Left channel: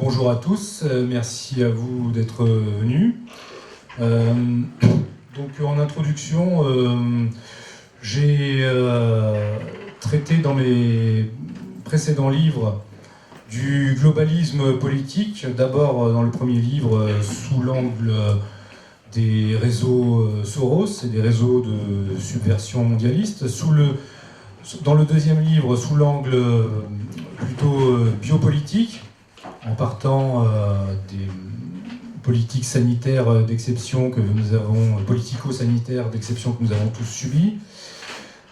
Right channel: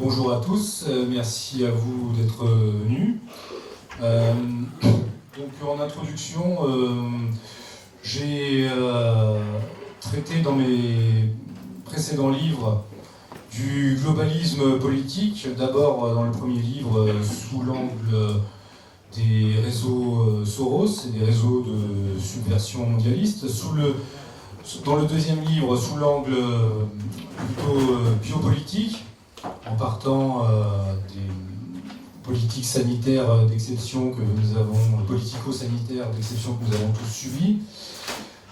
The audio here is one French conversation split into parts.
bonjour à tous, merci à vous d'être venus. Donc en introduction, j'ai traité dans mes précédents livres du globalisme politique, d'abord dans le premier livre sous l'angle des réseaux Soros et des réseaux de subversion mondialiste, dans le deuxième livre sous l'angle plutôt biopolitique, en partant des politiques sanitaires d'exception que nous avons, politico-sanitaires d'exception que nous avons tous subies,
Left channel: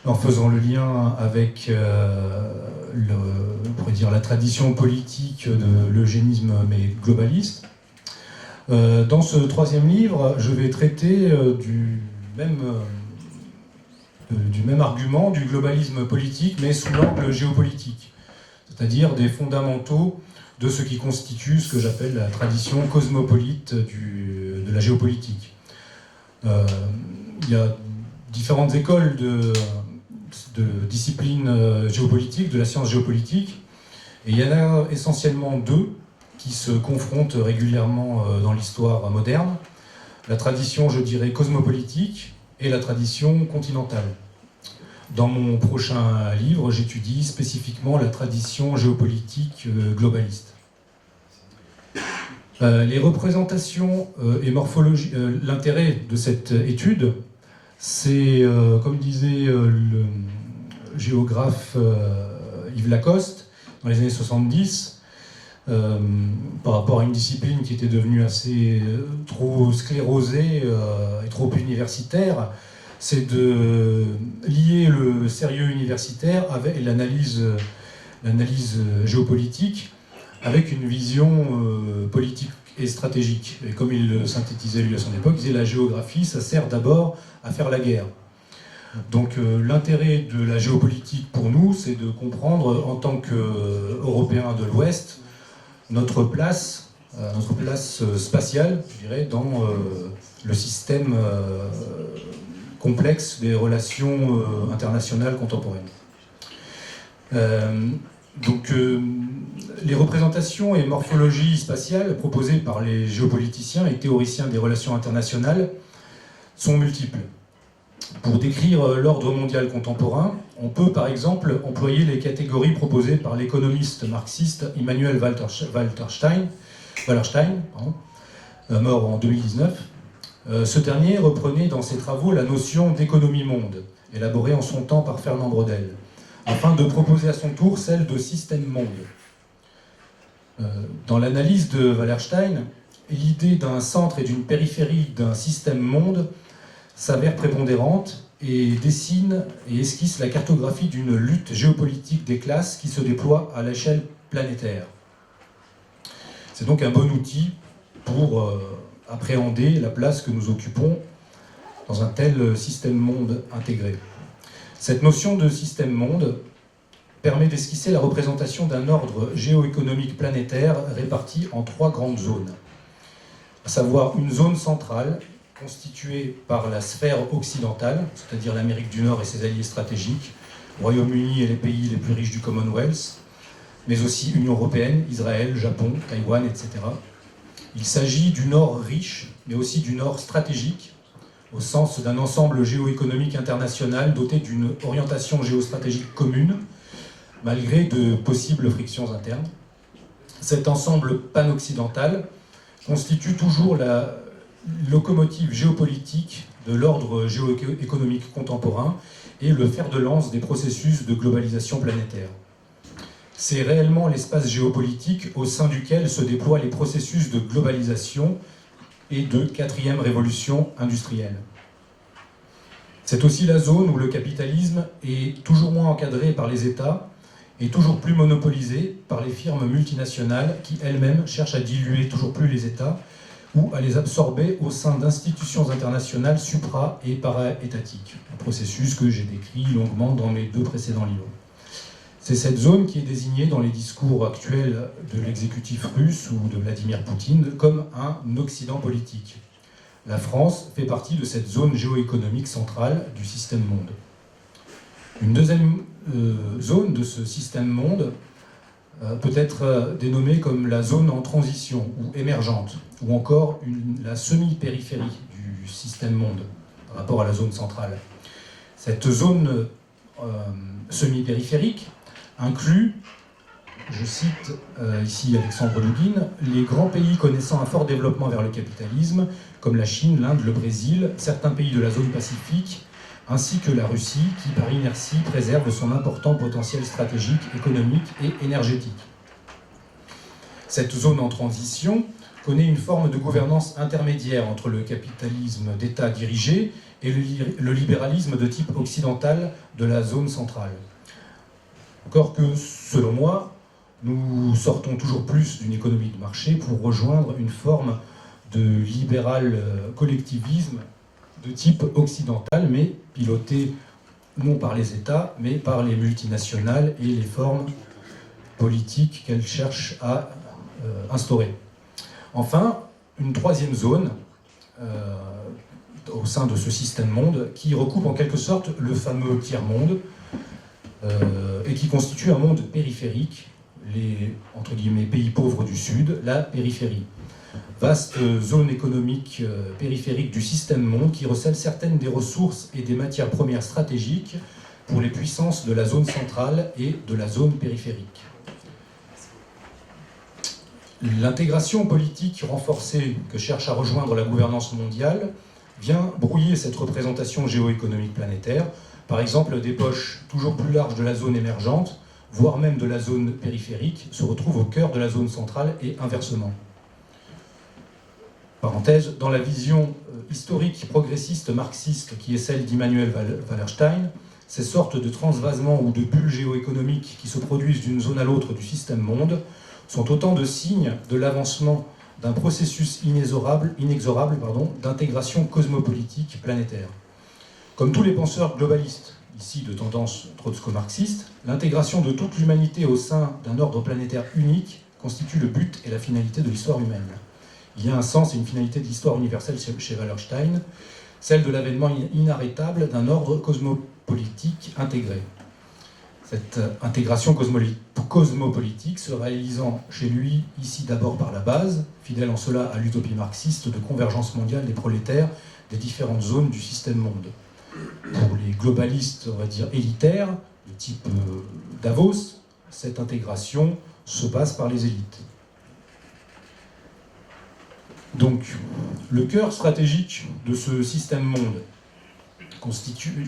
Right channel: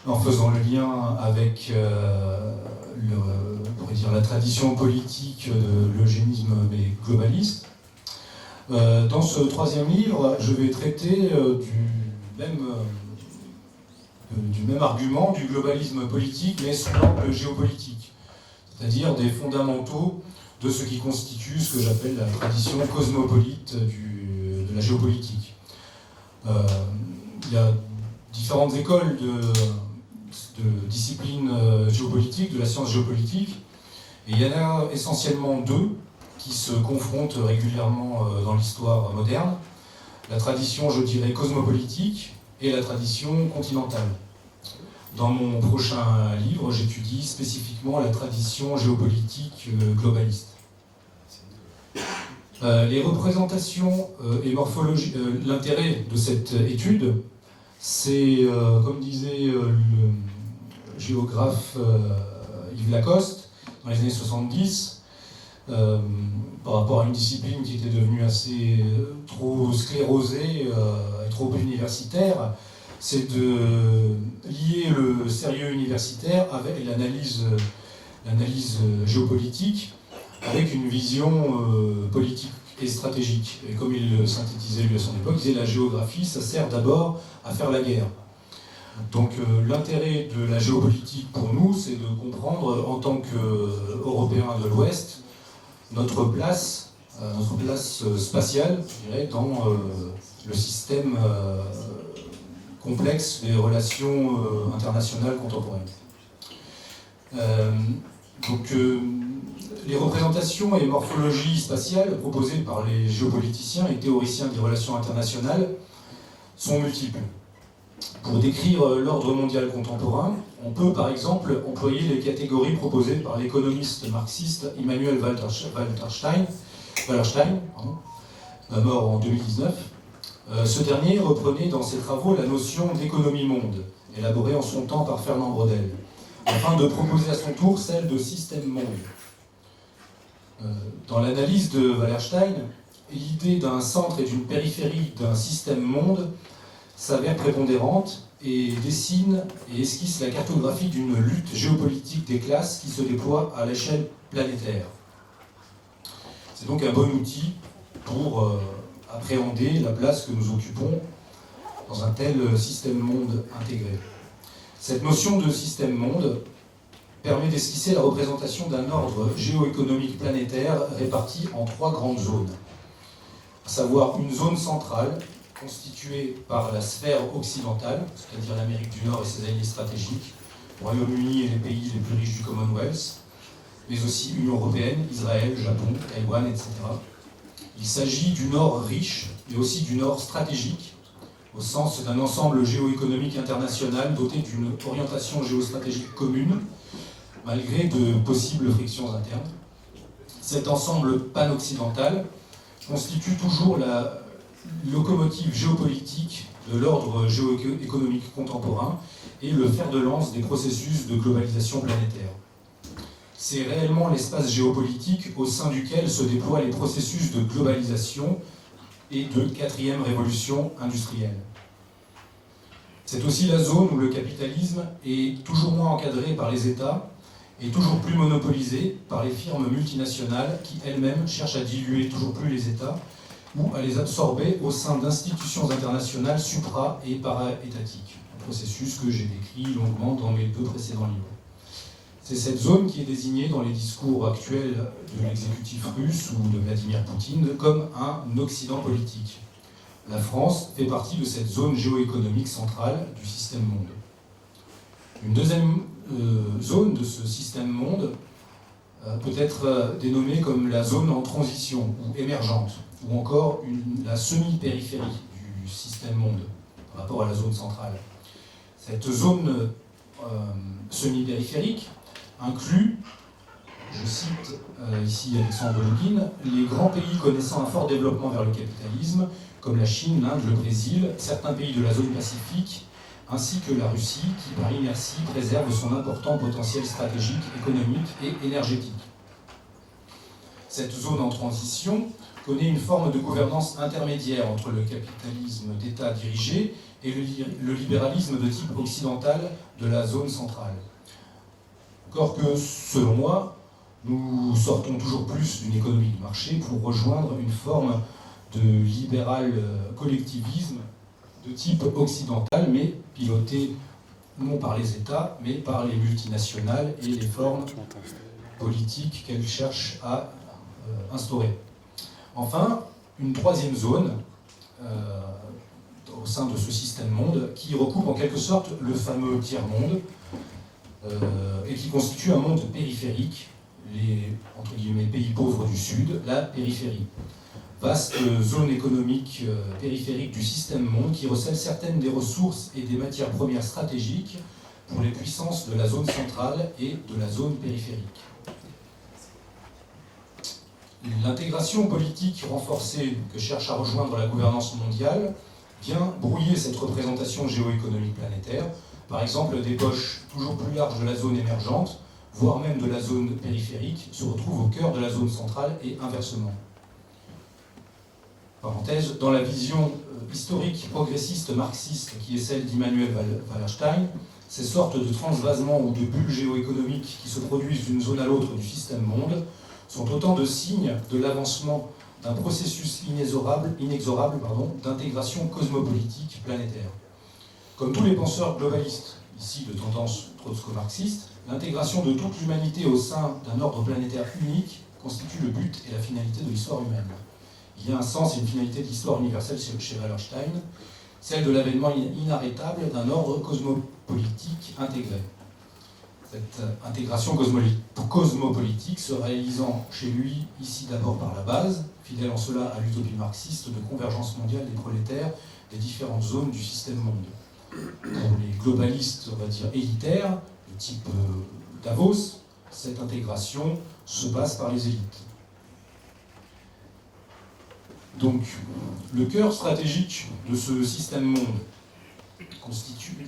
en faisant le lien avec on pourrait dire la tradition politique de l'eugénisme mais globaliste. Dans ce troisième livre, je vais traiter du même argument, du globalisme politique, mais sous l'angle géopolitique, c'est-à-dire des fondamentaux de ce qui constitue ce que j'appelle la tradition cosmopolite de la géopolitique. Il y a différentes écoles de disciplines géopolitiques, de la science géopolitique, et il y en a essentiellement deux qui se confrontent régulièrement dans l'histoire moderne. La tradition, je dirais, cosmopolitique et la tradition continentale. Dans mon prochain livre, j'étudie spécifiquement la tradition géopolitique globaliste. Les représentations et morphologie, l'intérêt de cette étude, c'est, comme disait le géographe Yves Lacoste, dans les années 70, par rapport à une discipline qui était devenue assez trop sclérosée et trop universitaire, c'est de lier le sérieux universitaire avec l'analyse géopolitique avec une vision politique et stratégique. Et comme il le synthétisait lui à son époque, il disait la géographie, ça sert d'abord à faire la guerre. Donc l'intérêt de la géopolitique pour nous, c'est de comprendre en tant qu'Européens de l'Ouest notre place spatiale, je dirais, dans le système complexe des relations internationales contemporaines. Les représentations et morphologies spatiales proposées par les géopoliticiens et théoriciens des relations internationales sont multiples. Pour décrire l'ordre mondial contemporain, on peut par exemple employer les catégories proposées par l'économiste marxiste Immanuel Wallerstein, mort en 2019. Ce dernier reprenait dans ses travaux la notion d'économie-monde, élaborée en son temps par Fernand Braudel, afin de proposer à son tour celle de système-monde. Dans l'analyse de Wallerstein, l'idée d'un centre et d'une périphérie d'un système-monde s'avère prépondérante et dessine et esquisse la cartographie d'une lutte géopolitique des classes qui se déploie à l'échelle planétaire. C'est donc un bon outil pour appréhender la place que nous occupons dans un tel système-monde intégré. Cette notion de système-monde permet d'esquisser la représentation d'un ordre géoéconomique planétaire réparti en trois grandes zones, à savoir une zone centrale constituée par la sphère occidentale, c'est-à-dire l'Amérique du Nord et ses alliés stratégiques, Royaume-Uni et les pays les plus riches du Commonwealth, mais aussi Union européenne, Israël, Japon, Taïwan, etc. Il s'agit du Nord riche, mais aussi du Nord stratégique, au sens d'un ensemble géoéconomique international doté d'une orientation géostratégique commune, malgré de possibles frictions internes. Cet ensemble pan-occidental constitue toujours la locomotive géopolitique de l'ordre géoéconomique contemporain et le fer de lance des processus de globalisation planétaire. C'est réellement l'espace géopolitique au sein duquel se déploient les processus de globalisation et de quatrième révolution industrielle. C'est aussi la zone où le capitalisme est toujours moins encadré par les États et toujours plus monopolisé par les firmes multinationales qui elles-mêmes cherchent à diluer toujours plus les États ou à les absorber au sein d'institutions internationales supra- et para-étatiques, un processus que j'ai décrit longuement dans mes deux précédents livres. C'est cette zone qui est désignée dans les discours actuels de l'exécutif russe ou de Vladimir Poutine comme un Occident politique. La France fait partie de cette zone géoéconomique centrale du système-monde. Une deuxième zone de ce système-monde peut être dénommée comme la zone en transition ou émergente, ou encore la semi-périphérie du système monde par rapport à la zone centrale. Cette zone semi-périphérique inclut, je cite ici Alexandre Dugin, les grands pays connaissant un fort développement vers le capitalisme, comme la Chine, l'Inde, le Brésil, certains pays de la zone Pacifique, ainsi que la Russie, qui par inertie préserve son important potentiel stratégique, économique et énergétique. Cette zone en transition connaît une forme de gouvernance intermédiaire entre le capitalisme d'État dirigé et le libéralisme de type occidental de la zone centrale. Encore que, selon moi, nous sortons toujours plus d'une économie de marché pour rejoindre une forme de libéral collectivisme de type occidental, mais piloté non par les États, mais par les multinationales et les formes politiques qu'elles cherchent à instaurer. Enfin, une troisième zone au sein de ce système monde qui recoupe en quelque sorte le fameux tiers-monde et qui constitue un monde périphérique, les entre guillemets pays pauvres du Sud, la périphérie. Vaste zone économique périphérique du système monde qui recèle certaines des ressources et des matières premières stratégiques pour les puissances de la zone centrale et de la zone périphérique. L'intégration politique renforcée que cherche à rejoindre la gouvernance mondiale vient brouiller cette représentation géoéconomique planétaire, par exemple des poches toujours plus larges de la zone émergente, voire même de la zone périphérique, se retrouvent au cœur de la zone centrale et inversement. Parenthèse, dans la vision historique progressiste marxiste qui est celle d'Immanuel Wallerstein, ces sortes de transvasements ou de bulles géoéconomiques qui se produisent d'une zone à l'autre du système monde sont autant de signes de l'avancement d'un processus inexorable d'intégration cosmopolitique planétaire. Comme tous les penseurs globalistes, ici de tendance trotsko-marxiste, l'intégration de toute l'humanité au sein d'un ordre planétaire unique constitue le but et la finalité de l'histoire humaine. Il y a un sens et une finalité de l'histoire universelle chez Wallerstein, celle de l'avènement inarrêtable d'un ordre cosmopolitique intégré. Cette intégration cosmopolitique se réalisant chez lui, ici d'abord par la base, fidèle en cela à l'utopie marxiste de convergence mondiale des prolétaires des différentes zones du système monde. Pour les globalistes, on va dire, élitaires, de type Davos, cette intégration se passe par les élites. Donc, le cœur stratégique de ce système monde,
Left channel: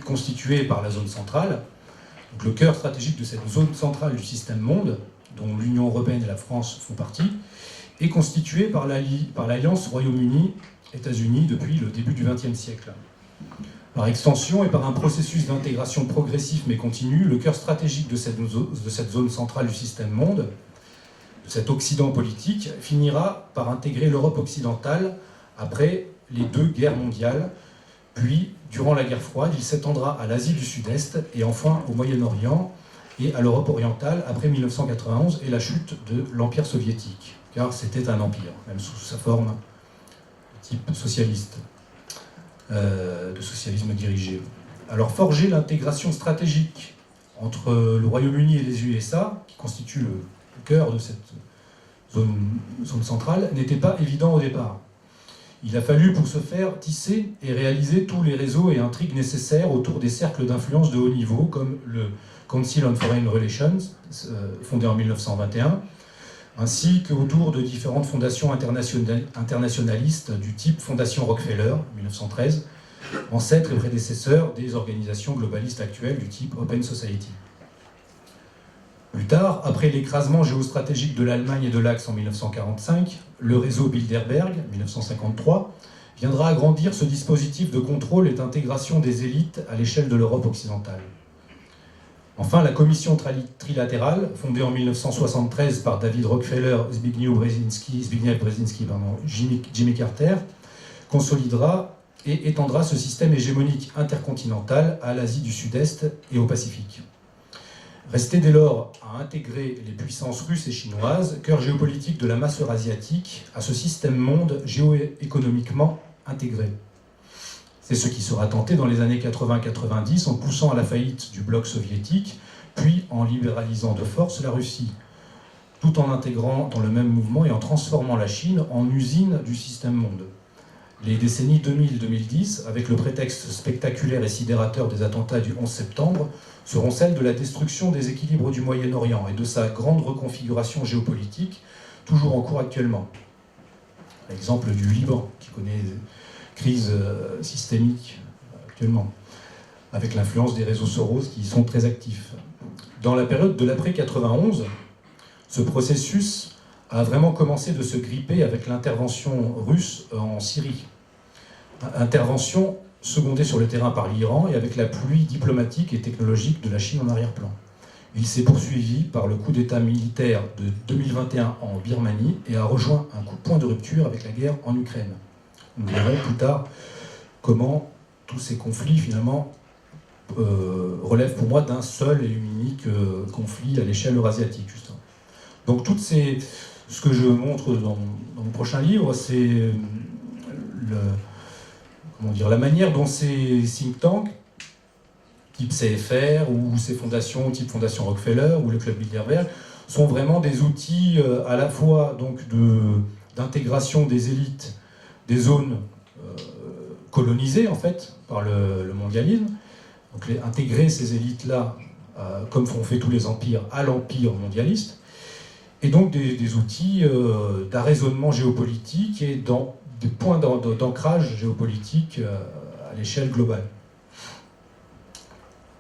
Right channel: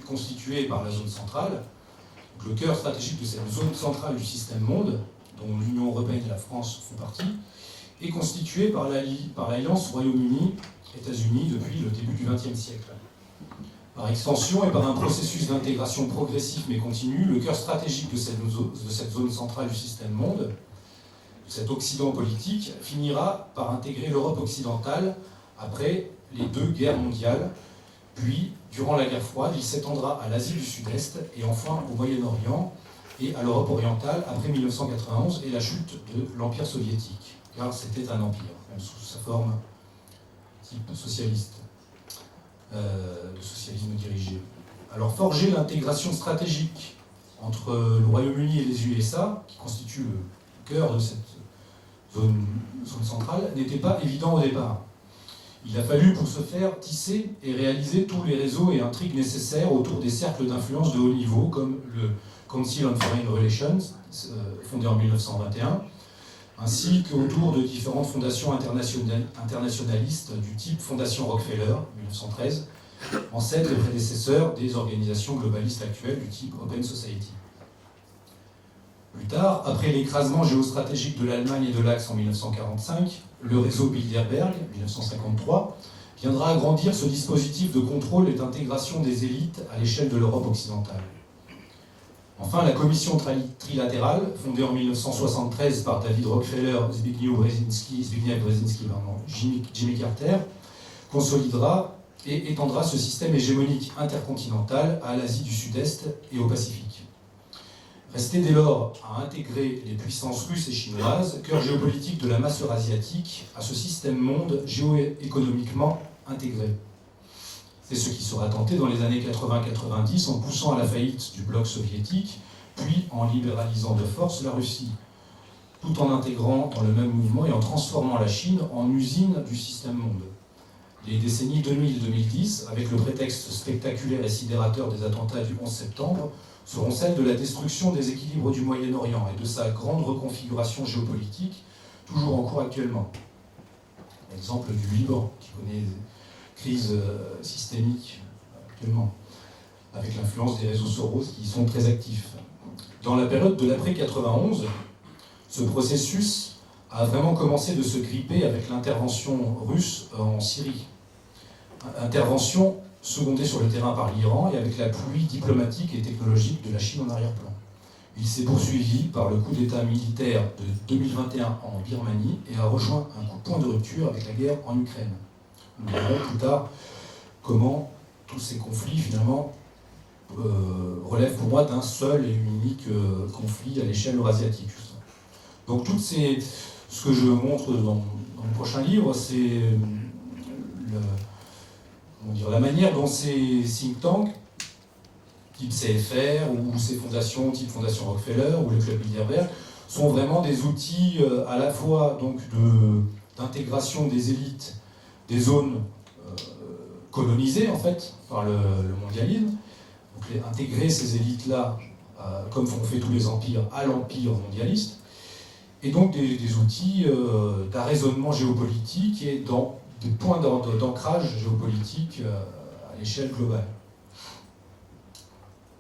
constitué par la zone centrale, donc le cœur stratégique de cette zone centrale du système monde, dont l'Union européenne et la France font partie, est constitué par l'alliance Royaume-Uni-États-Unis depuis le début du XXe siècle. Par extension et par un processus d'intégration progressif mais continu, le cœur stratégique de cette zone centrale du système monde, cet Occident politique, finira par intégrer l'Europe occidentale après les deux guerres mondiales, puis, durant la guerre froide, il s'étendra à l'Asie du Sud-Est et enfin au Moyen-Orient et à l'Europe orientale après 1991 et la chute de l'Empire soviétique, car c'était un empire, même sous sa forme type socialiste, de socialisme dirigé. Alors forger l'intégration stratégique entre le Royaume-Uni et les USA, qui constitue le cœur de cette zone centrale, n'était pas évident au départ. Il a fallu pour ce faire tisser et réaliser tous les réseaux et intrigues nécessaires autour des cercles d'influence de haut niveau, comme le Council on Foreign Relations, fondé en 1921, ainsi qu'autour de différentes fondations internationalistes du type Fondation Rockefeller, 1913, ancêtre et prédécesseur des organisations globalistes actuelles du type Open Society. Plus tard, après l'écrasement géostratégique de l'Allemagne et de l'Axe en 1945, le réseau Bilderberg, 1953, viendra agrandir ce dispositif de contrôle et d'intégration des élites à l'échelle de l'Europe occidentale. Enfin, la commission trilatérale, fondée en 1973 par David Rockefeller, Zbigniew Brzezinski, Jimmy Carter, consolidera et étendra ce système hégémonique intercontinental à l'Asie du Sud-Est et au Pacifique. Restait dès lors à intégrer les puissances russes et chinoises, cœur géopolitique de la masse eurasiatique, à ce système monde géoéconomiquement intégré. C'est ce qui sera tenté dans les années 80-90 en poussant à la faillite du bloc soviétique, puis en libéralisant de force la Russie. tout en intégrant dans le même mouvement et en transformant la Chine en usine du système monde. Les décennies 2000-2010, avec le prétexte spectaculaire et sidérateur des attentats du 11 septembre, seront celles de la destruction des équilibres du Moyen-Orient et de sa grande reconfiguration géopolitique, toujours en cours actuellement. L'exemple du Liban, qui connaît une crise systémique actuellement, avec l'influence des réseaux Soros qui y sont très actifs. Dans la période de l'après-91, ce processus a vraiment commencé de se gripper avec l'intervention russe en Syrie. Intervention secondée sur le terrain par l'Iran et avec la pluie diplomatique et technologique de la Chine en arrière-plan. Il s'est poursuivi par le coup d'État militaire de 2021 en Birmanie et a rejoint un point de rupture avec la guerre en Ukraine. Nous verrons plus tard comment tous ces conflits finalement relèvent pour moi d'un seul et unique conflit à l'échelle eurasiatique. Justement. Donc ce que je montre dans le prochain livre, c'est la manière dont ces think tanks, type CFR ou ces fondations, type Fondation Rockefeller ou le Club Bilderberg, sont vraiment des outils à la fois d'intégration des élites des zones colonisées en fait par le mondialisme, donc intégrer ces élites-là, comme font fait tous les empires, à l'empire mondialiste, et donc des outils d'arraisonnement géopolitique et des points d'ancrage géopolitique à l'échelle globale.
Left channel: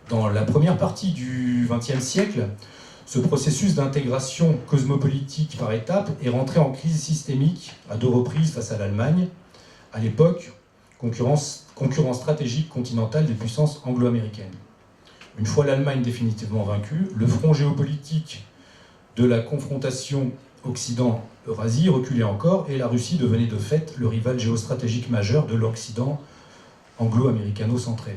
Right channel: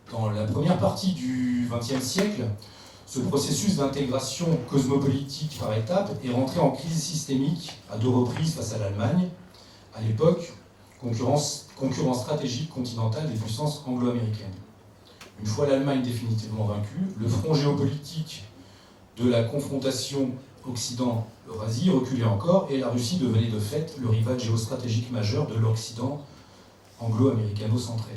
Dans la première partie du XXe siècle, ce processus d'intégration cosmopolitique par étapes est rentré en crise systémique à 2 reprises face à l'Allemagne, à l'époque, concurrent stratégique continental des puissances anglo-américaines. Une fois l'Allemagne définitivement vaincue, le front géopolitique de la confrontation Occident-Eurasie reculait encore et la Russie devenait de fait le rival géostratégique majeur de l'Occident anglo-américano-centré.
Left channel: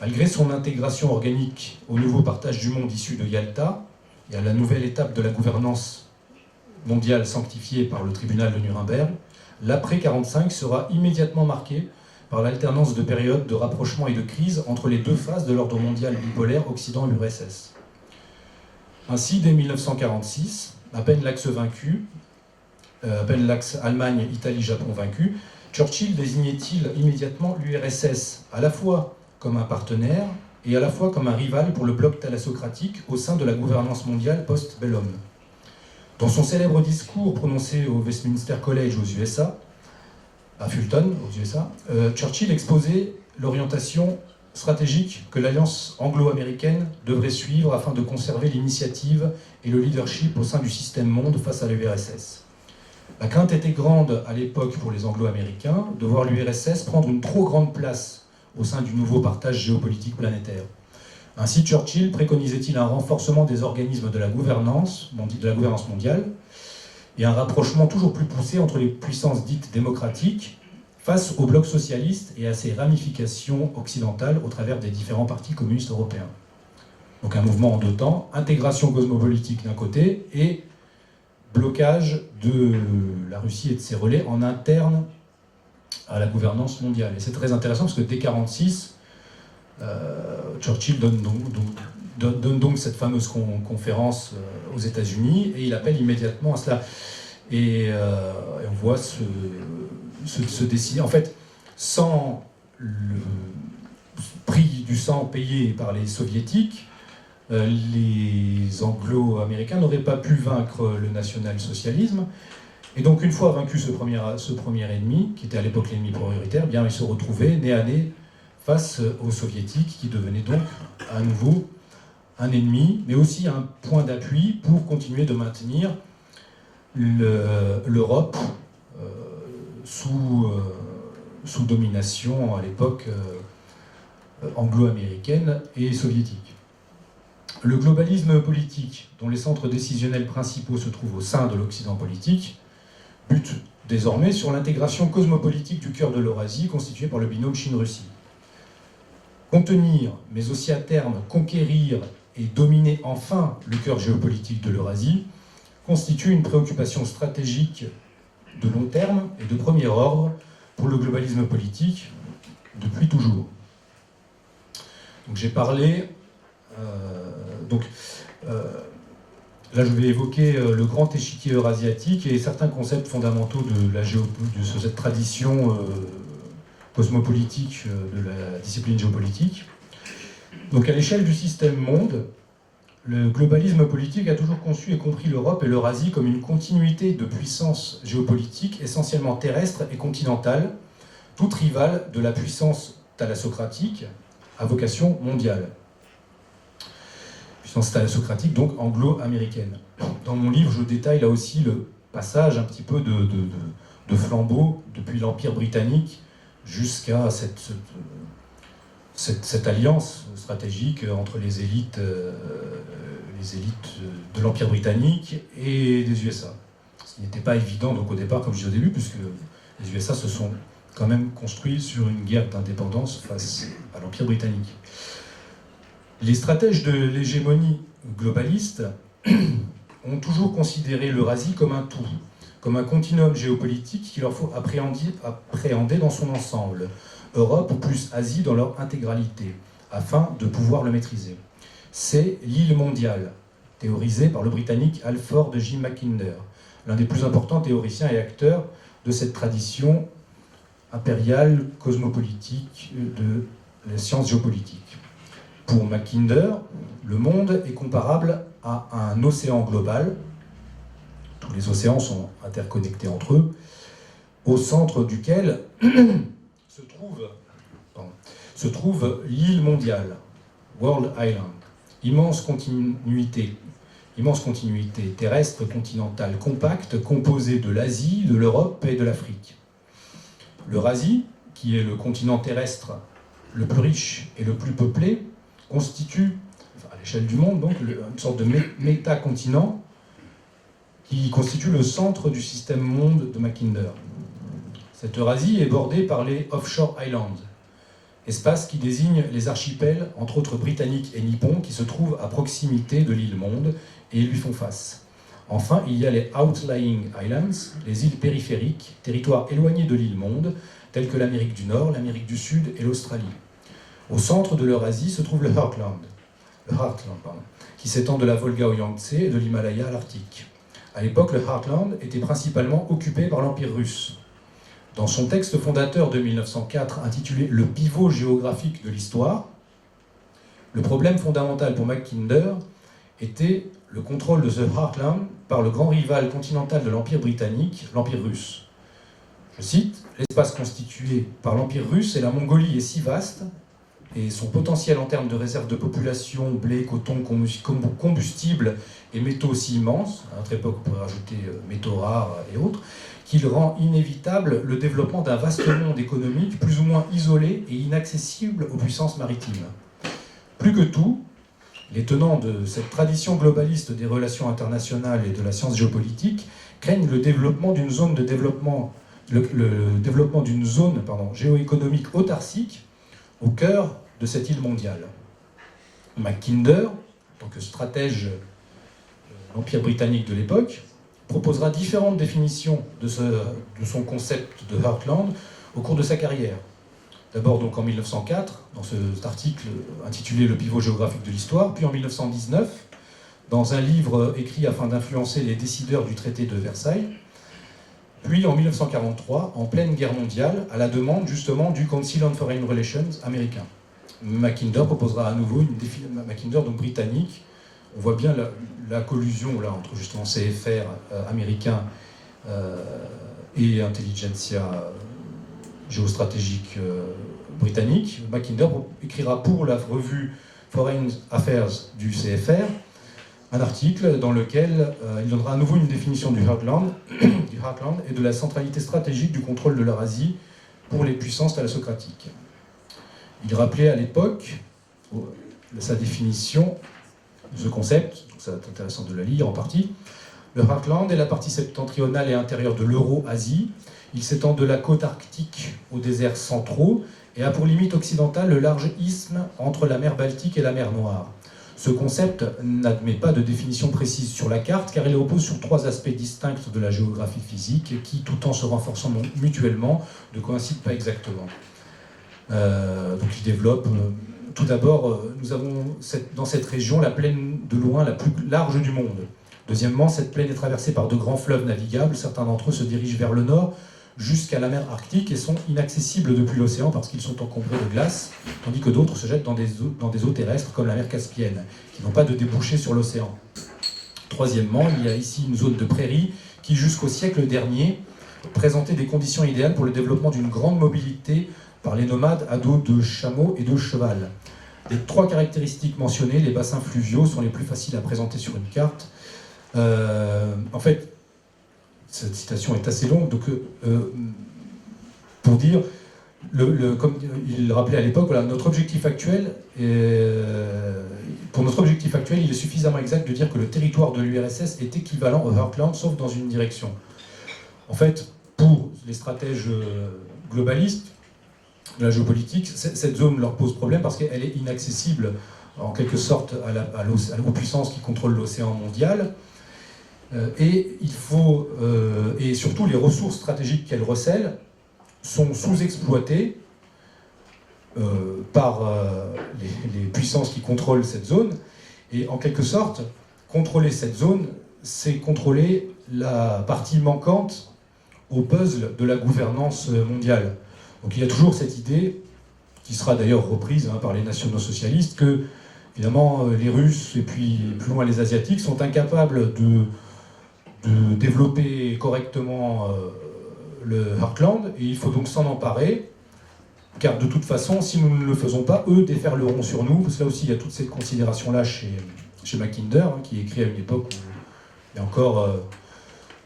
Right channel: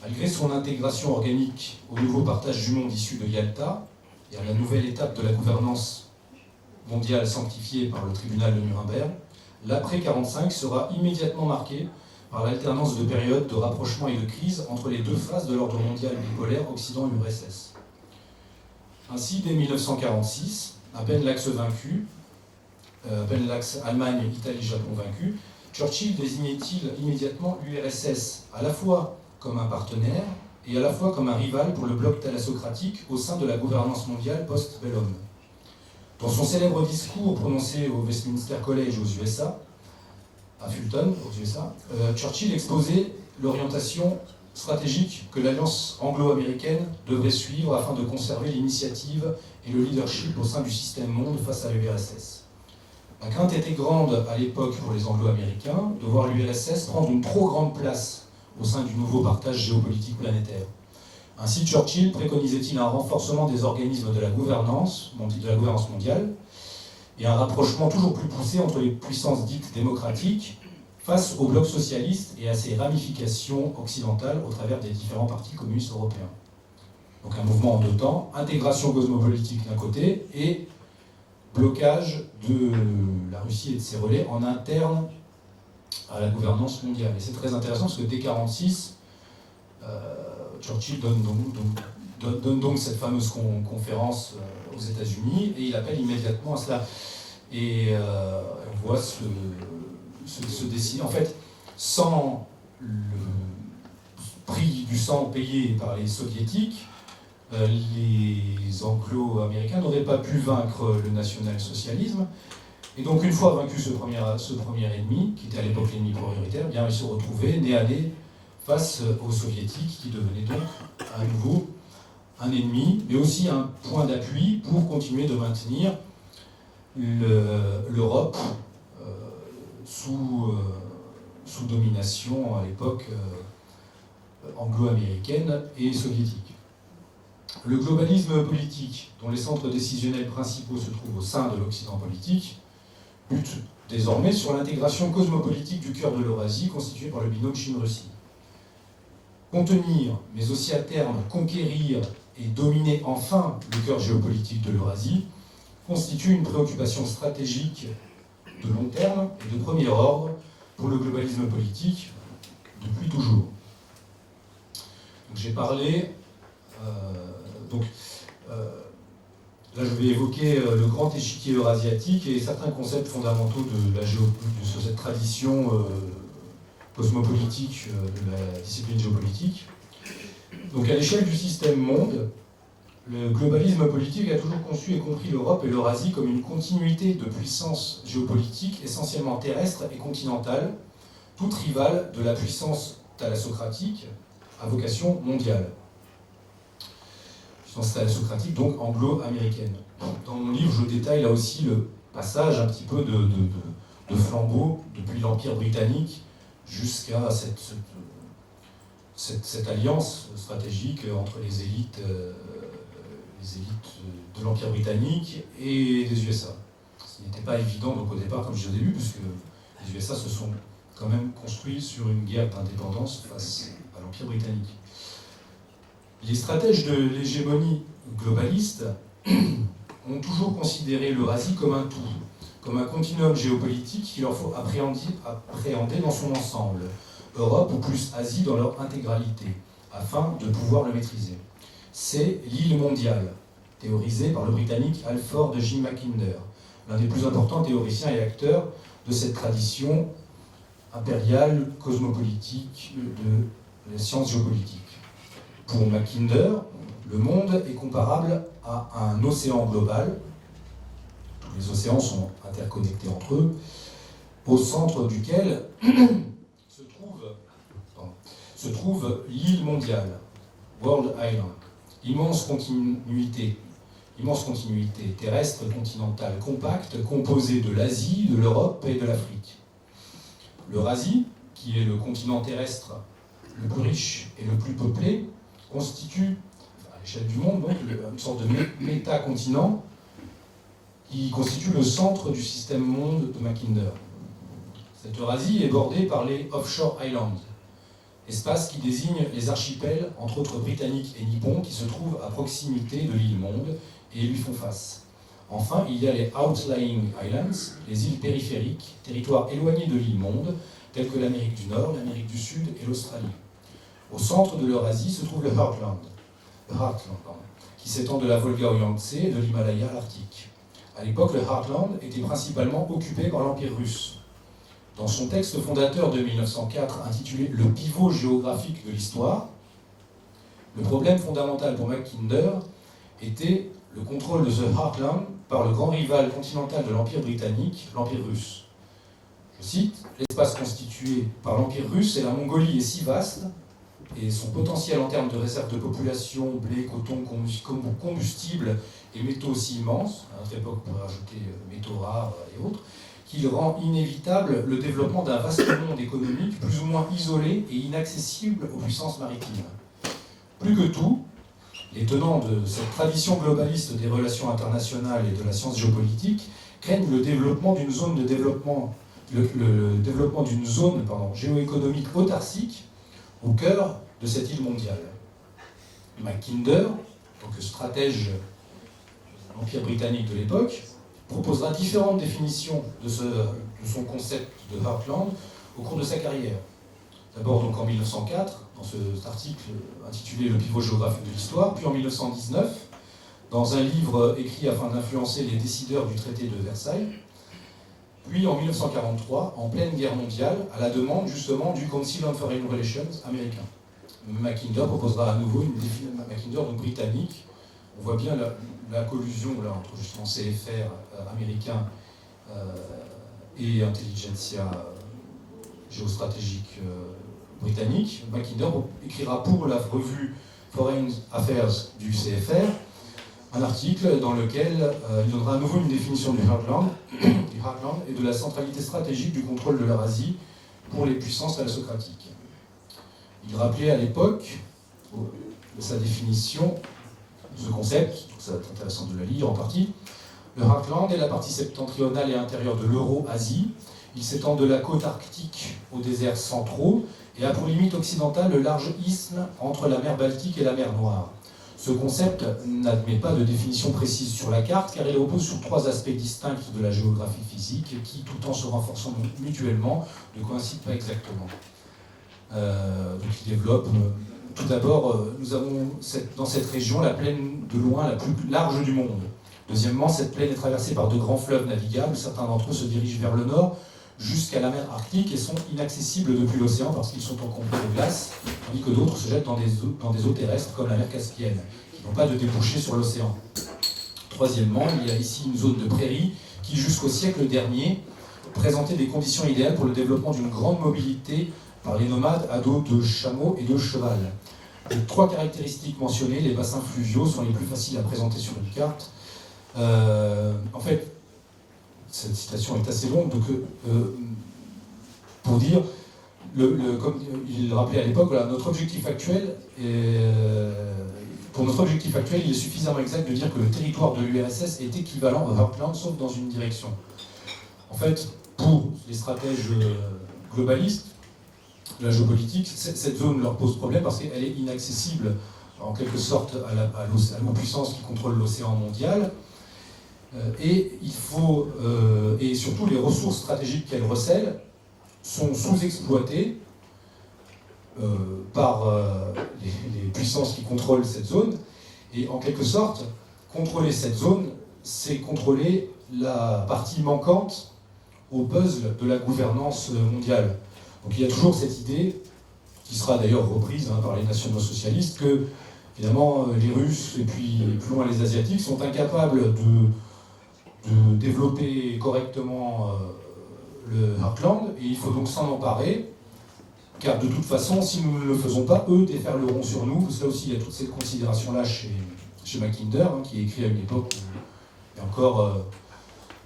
Malgré son intégration organique au nouveau partage du monde issu de Yalta et à la nouvelle étape de la gouvernance mondiale sanctifiée par le tribunal de Nuremberg, l'après-45 sera immédiatement marqué par l'alternance de périodes de rapprochement et de crise entre les deux phases de l'ordre mondial bipolaire Occident-URSS. Ainsi, dès 1946, à peine l'axe vaincu, à peine l'axe Allemagne, Italie, Japon vaincu, Churchill désignait-il immédiatement l'URSS à la fois comme un partenaire et à la fois comme un rival pour le bloc thalassocratique au sein de la gouvernance mondiale post-bellum. Dans son célèbre discours prononcé au Westminster College aux USA, à Fulton, aux USA, Churchill exposait l'orientation stratégique que l'alliance anglo-américaine devrait suivre afin de conserver l'initiative et le leadership au sein du système monde face à l'URSS. La crainte était grande à l'époque pour les anglo-américains de voir l'URSS prendre une trop grande place au sein du nouveau partage géopolitique planétaire. Ainsi, Churchill préconisait-il un renforcement des organismes de la gouvernance mondiale et un rapprochement toujours plus poussé entre les puissances dites démocratiques face au bloc socialiste et à ses ramifications occidentales au travers des différents partis communistes européens. Donc un mouvement en 2 temps, intégration cosmopolitique d'un côté et blocage de la Russie et de ses relais en interne à la gouvernance mondiale. Et c'est très intéressant parce que dès 1946, Churchill donne donc cette fameuse conférence aux États-Unis et il appelle immédiatement à cela. Et on voit se dessiner, en fait, sans le prix du sang payé par les soviétiques, les anglo-américains n'auraient pas pu vaincre le national-socialisme. Et donc, une fois vaincu ce premier ennemi, qui était à l'époque l'ennemi prioritaire, bien, ils se retrouvaient nez à nez face aux soviétiques, qui devenaient donc à nouveau un ennemi, mais aussi un point d'appui pour continuer de maintenir l'Europe sous domination à l'époque anglo-américaine et soviétique. Le globalisme politique, dont les centres décisionnels principaux se trouvent au sein de l'Occident politique, bute désormais sur l'intégration cosmopolitique du cœur de l'Eurasie constituée par le binôme Chine-Russie. Contenir, mais aussi à terme conquérir et dominer enfin le cœur géopolitique de l'Eurasie constitue une préoccupation stratégique de long terme et de premier ordre pour le globalisme politique depuis toujours. Donc j'ai parlé Là, je vais évoquer le grand échiquier eurasiatique et certains concepts fondamentaux de cette tradition cosmopolitique de la discipline géopolitique. Donc, à l'échelle du système monde, le globalisme politique a toujours conçu et compris l'Europe et l'Eurasie comme une continuité de puissance géopolitique essentiellement terrestre et continentale, toute rivale de la puissance thalassocratique à vocation mondiale. Puissance thalassocratique, donc anglo-américaine. Dans mon livre, je détaille là aussi le passage un petit peu de flambeau depuis l'Empire britannique jusqu'à cette alliance stratégique entre les élites de l'Empire britannique et des USA. Ce n'était pas évident donc au départ, comme je disais au début, puisque les USA se sont quand même construits sur une guerre d'indépendance face à l'Empire britannique. Les stratèges de l'hégémonie globaliste ont toujours considéré l'Eurasie comme un tout, comme un continuum géopolitique qu'il leur faut appréhender dans son ensemble, Europe ou plus Asie dans leur intégralité, afin de pouvoir le maîtriser. C'est l'île mondiale, théorisée par le Britannique Alford J. Mackinder, l'un des plus importants théoriciens et acteurs de cette tradition impériale, cosmopolitique de la science géopolitique. Pour Mackinder, le monde est comparable à un océan global, tous les océans sont interconnectés entre eux, au centre duquel se trouve l'île mondiale, World Island, immense continuité terrestre continentale compacte composée de l'Asie, de l'Europe et de l'Afrique. L'Eurasie, qui est le continent terrestre le plus riche et le plus peuplé, constitue, à l'échelle du monde, donc, une sorte de métacontinent qui constitue le centre du système monde de Mackinder. Cette Eurasie est bordée par les Offshore Islands, espace qui désigne les archipels, entre autres britanniques et nippons, qui se trouvent à proximité de l'île monde et lui font face. Enfin, il y a les Outlying Islands, les îles périphériques, territoires éloignés de l'île monde, tels que l'Amérique du Nord, l'Amérique du Sud et l'Australie. Au centre de l'Eurasie se trouve le Heartland, qui s'étend de la Volga au Yangtze et de l'Himalaya à l'Arctique. À l'époque, le Heartland était principalement occupé par l'Empire russe. Dans son texte fondateur de 1904 intitulé « Le pivot géographique de l'histoire », le problème fondamental pour Mackinder était le contrôle de ce Heartland par le grand rival continental de l'Empire britannique, l'Empire russe. Je cite, « L'espace constitué par l'Empire russe et la Mongolie est si vaste, et son potentiel en termes de réserve de population, blé, coton, combustible et métaux aussi immense, à notre époque on pourrait rajouter métaux rares et autres, qu'il rend inévitable le développement d'un vaste monde économique plus ou moins isolé et inaccessible aux puissances maritimes. Plus que tout, les tenants de cette tradition globaliste des relations internationales et de la science géopolitique craignent le développement d'une zone de développement, le développement d'une zone géoéconomique autarcique au cœur de cette île mondiale. Mackinder, en tant que stratège de l'Empire britannique de l'époque, proposera différentes définitions de son concept de Heartland au cours de sa carrière. D'abord donc en 1904, dans cet article intitulé « Le pivot géographique de l'histoire », puis en 1919, dans un livre écrit afin d'influencer les décideurs du traité de Versailles, puis en 1943, en pleine guerre mondiale, à la demande justement du Council on Foreign Relations américain. Mackinder proposera à nouveau une définition, Mackinder donc britannique. On voit bien la collusion là, entre justement CFR américain et intelligentsia géostratégique britannique. Mackinder écrira pour la revue Foreign Affairs du CFR un article dans lequel il donnera à nouveau une définition du Heartland et de la centralité stratégique du contrôle de l'Eurasie pour les puissances thalassocratiques. Il rappelait à l'époque sa définition de ce concept, donc c'est intéressant de le lire en partie. Le Heartland est la partie septentrionale et intérieure de l'Euro-Asie. Il s'étend de la côte arctique aux déserts centraux et a pour limite occidentale le large isthme entre la mer Baltique et la mer Noire. Ce concept n'admet pas de définition précise sur la carte car il repose sur trois aspects distincts de la géographie physique qui, tout en se renforçant mutuellement, ne coïncident pas exactement. Donc il développe... Tout d'abord, nous avons dans cette région la plaine de loin la plus large du monde, Deuxièmement, cette plaine est traversée par de grands fleuves navigables. Certains d'entre eux se dirigent vers le nord jusqu'à la mer Arctique et sont inaccessibles depuis l'océan parce qu'ils sont encombrés de glace, tandis que d'autres se jettent dans des eaux terrestres comme la mer Caspienne, qui n'ont pas de débouché sur l'océan. Troisièmement, il y a ici une zone de prairie qui, jusqu'au siècle dernier, présentait des conditions idéales pour le développement d'une grande mobilité par les nomades à dos de chameaux et de cheval. Les trois caractéristiques mentionnées, les bassins fluviaux, sont les plus faciles à présenter sur une carte. En fait, cette citation est assez longue, donc pour dire, comme il le rappelait à l'époque, voilà, notre objectif actuel pour notre objectif actuel, il est suffisamment exact de dire que le territoire de l'URSS est équivalent au Heartland, sauf dans une direction. En fait, pour les stratèges globalistes de la géopolitique, cette zone leur pose problème parce qu'elle est inaccessible, en quelque sorte, aux puissances qui contrôlent l'océan mondial. Et surtout, les ressources stratégiques qu'elle recèle sont sous-exploitées par les puissances qui contrôlent cette zone. Et en quelque sorte, contrôler cette zone, c'est contrôler la partie manquante au puzzle de la gouvernance mondiale. Donc il y a toujours cette idée, qui sera d'ailleurs reprise par les nationaux-socialistes, que évidemment les Russes et puis plus loin les Asiatiques sont incapables de développer correctement le Heartland, et il faut donc s'en emparer, car de toute façon, si nous ne le faisons pas, eux déferleront sur nous. Parce que là aussi, il y a toute cette considération-là chez Mackinder, qui est écrit à une époque où il y a encore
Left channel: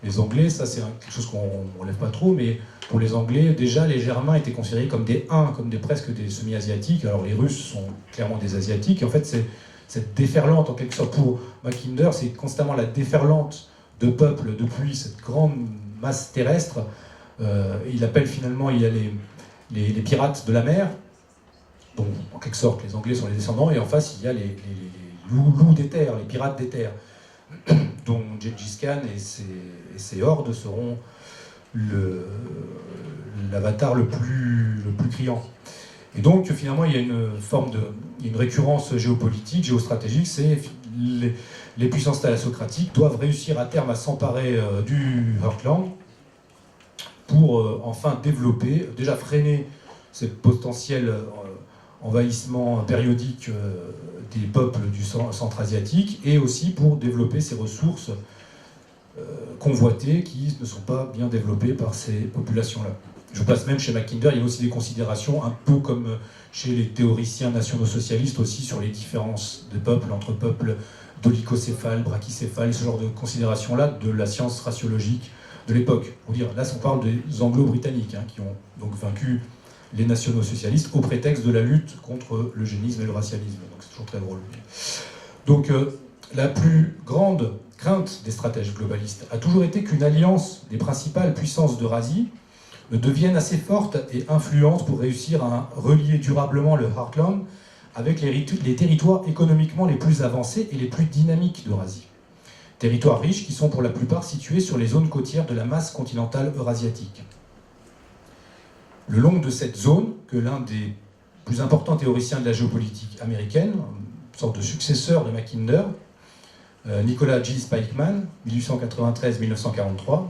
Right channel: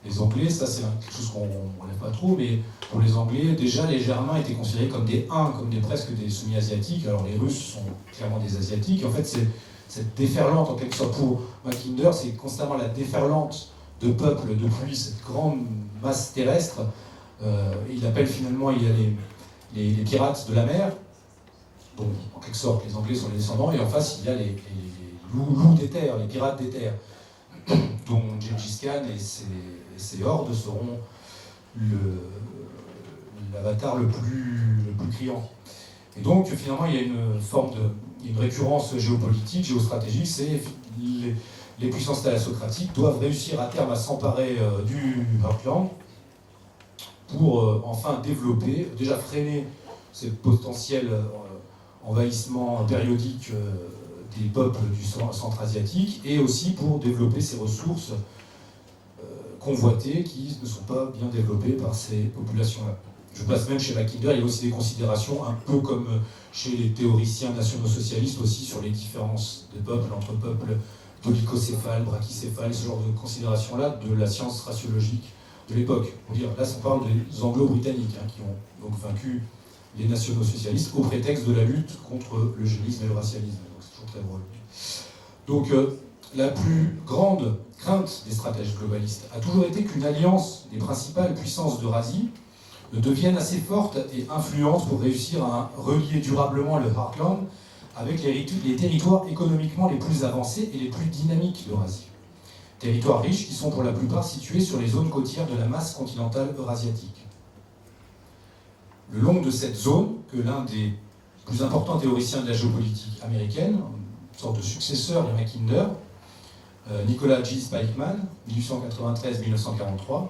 les Anglais, ça c'est quelque chose qu'on ne relève pas trop, mais pour les Anglais, déjà les Germains étaient considérés comme des Huns, comme presque des semi-asiatiques. Alors les Russes sont clairement des Asiatiques, et en fait, c'est cette déferlante, en quelque sorte, pour Mackinder, c'est constamment la déferlante de peuples depuis cette grande masse terrestre. Il appelle finalement, il y a les pirates de la mer, dont en quelque sorte les Anglais sont les descendants, et en face il y a les loups des terres, les pirates des terres, dont Gengis Khan et ses hordes seront l'avatar le plus criant. Et donc finalement il y a une récurrence géopolitique, géostratégique, c'est les puissances thalassocratiques doivent réussir à terme à s'emparer du Heartland pour enfin développer, déjà freiner ces potentiels envahissements périodiques des peuples du centre asiatique, et aussi pour développer ces ressources convoitées qui ne sont pas bien développées par ces populations-là. Je passe même chez Mackinder, il y a aussi des considérations, un peu comme chez les théoriciens nationaux-socialistes aussi, sur les différences des peuples, entre peuples dolicocéphales, brachycéphales, ce genre de considérations-là de la science raciologique de l'époque. Là, on parle des Anglo-Britanniques qui ont donc vaincu les nationaux-socialistes au prétexte de la lutte contre l'eugénisme et le racialisme. Donc c'est toujours très drôle. Donc la plus grande crainte des stratèges globalistes a toujours été qu'une alliance des principales puissances d'Eurasie ne devienne assez forte et influente pour réussir à relier durablement le Heartland avec les territoires économiquement les plus avancés et les plus dynamiques d'Eurasie. Territoires riches qui sont pour la plupart situés sur les zones côtières de la masse continentale eurasiatique. Le long de cette zone, que l'un des plus importants théoriciens de la géopolitique américaine, une sorte de successeur de Mackinder, Nicholas G. Spikeman, 1893-1943,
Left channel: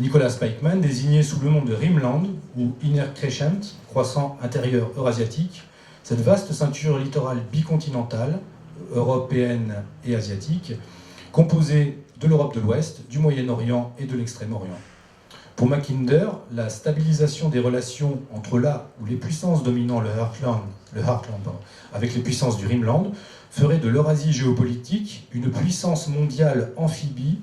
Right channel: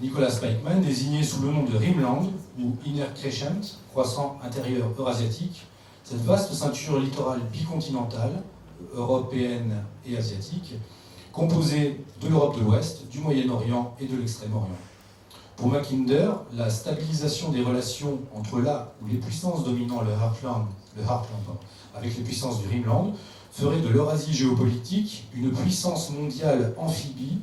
Nicholas Spikeman, désigné sous le nom de Rimland, ou Inner Crescent, croissant intérieur eurasiatique, cette vaste ceinture littorale bicontinentale, européenne et asiatique, composée de l'Europe de l'Ouest, du Moyen-Orient et de l'Extrême-Orient. Pour Mackinder, la stabilisation des relations entre là où les puissances dominant le Heartland avec les puissances du Rimland ferait de l'Eurasie géopolitique une puissance mondiale amphibie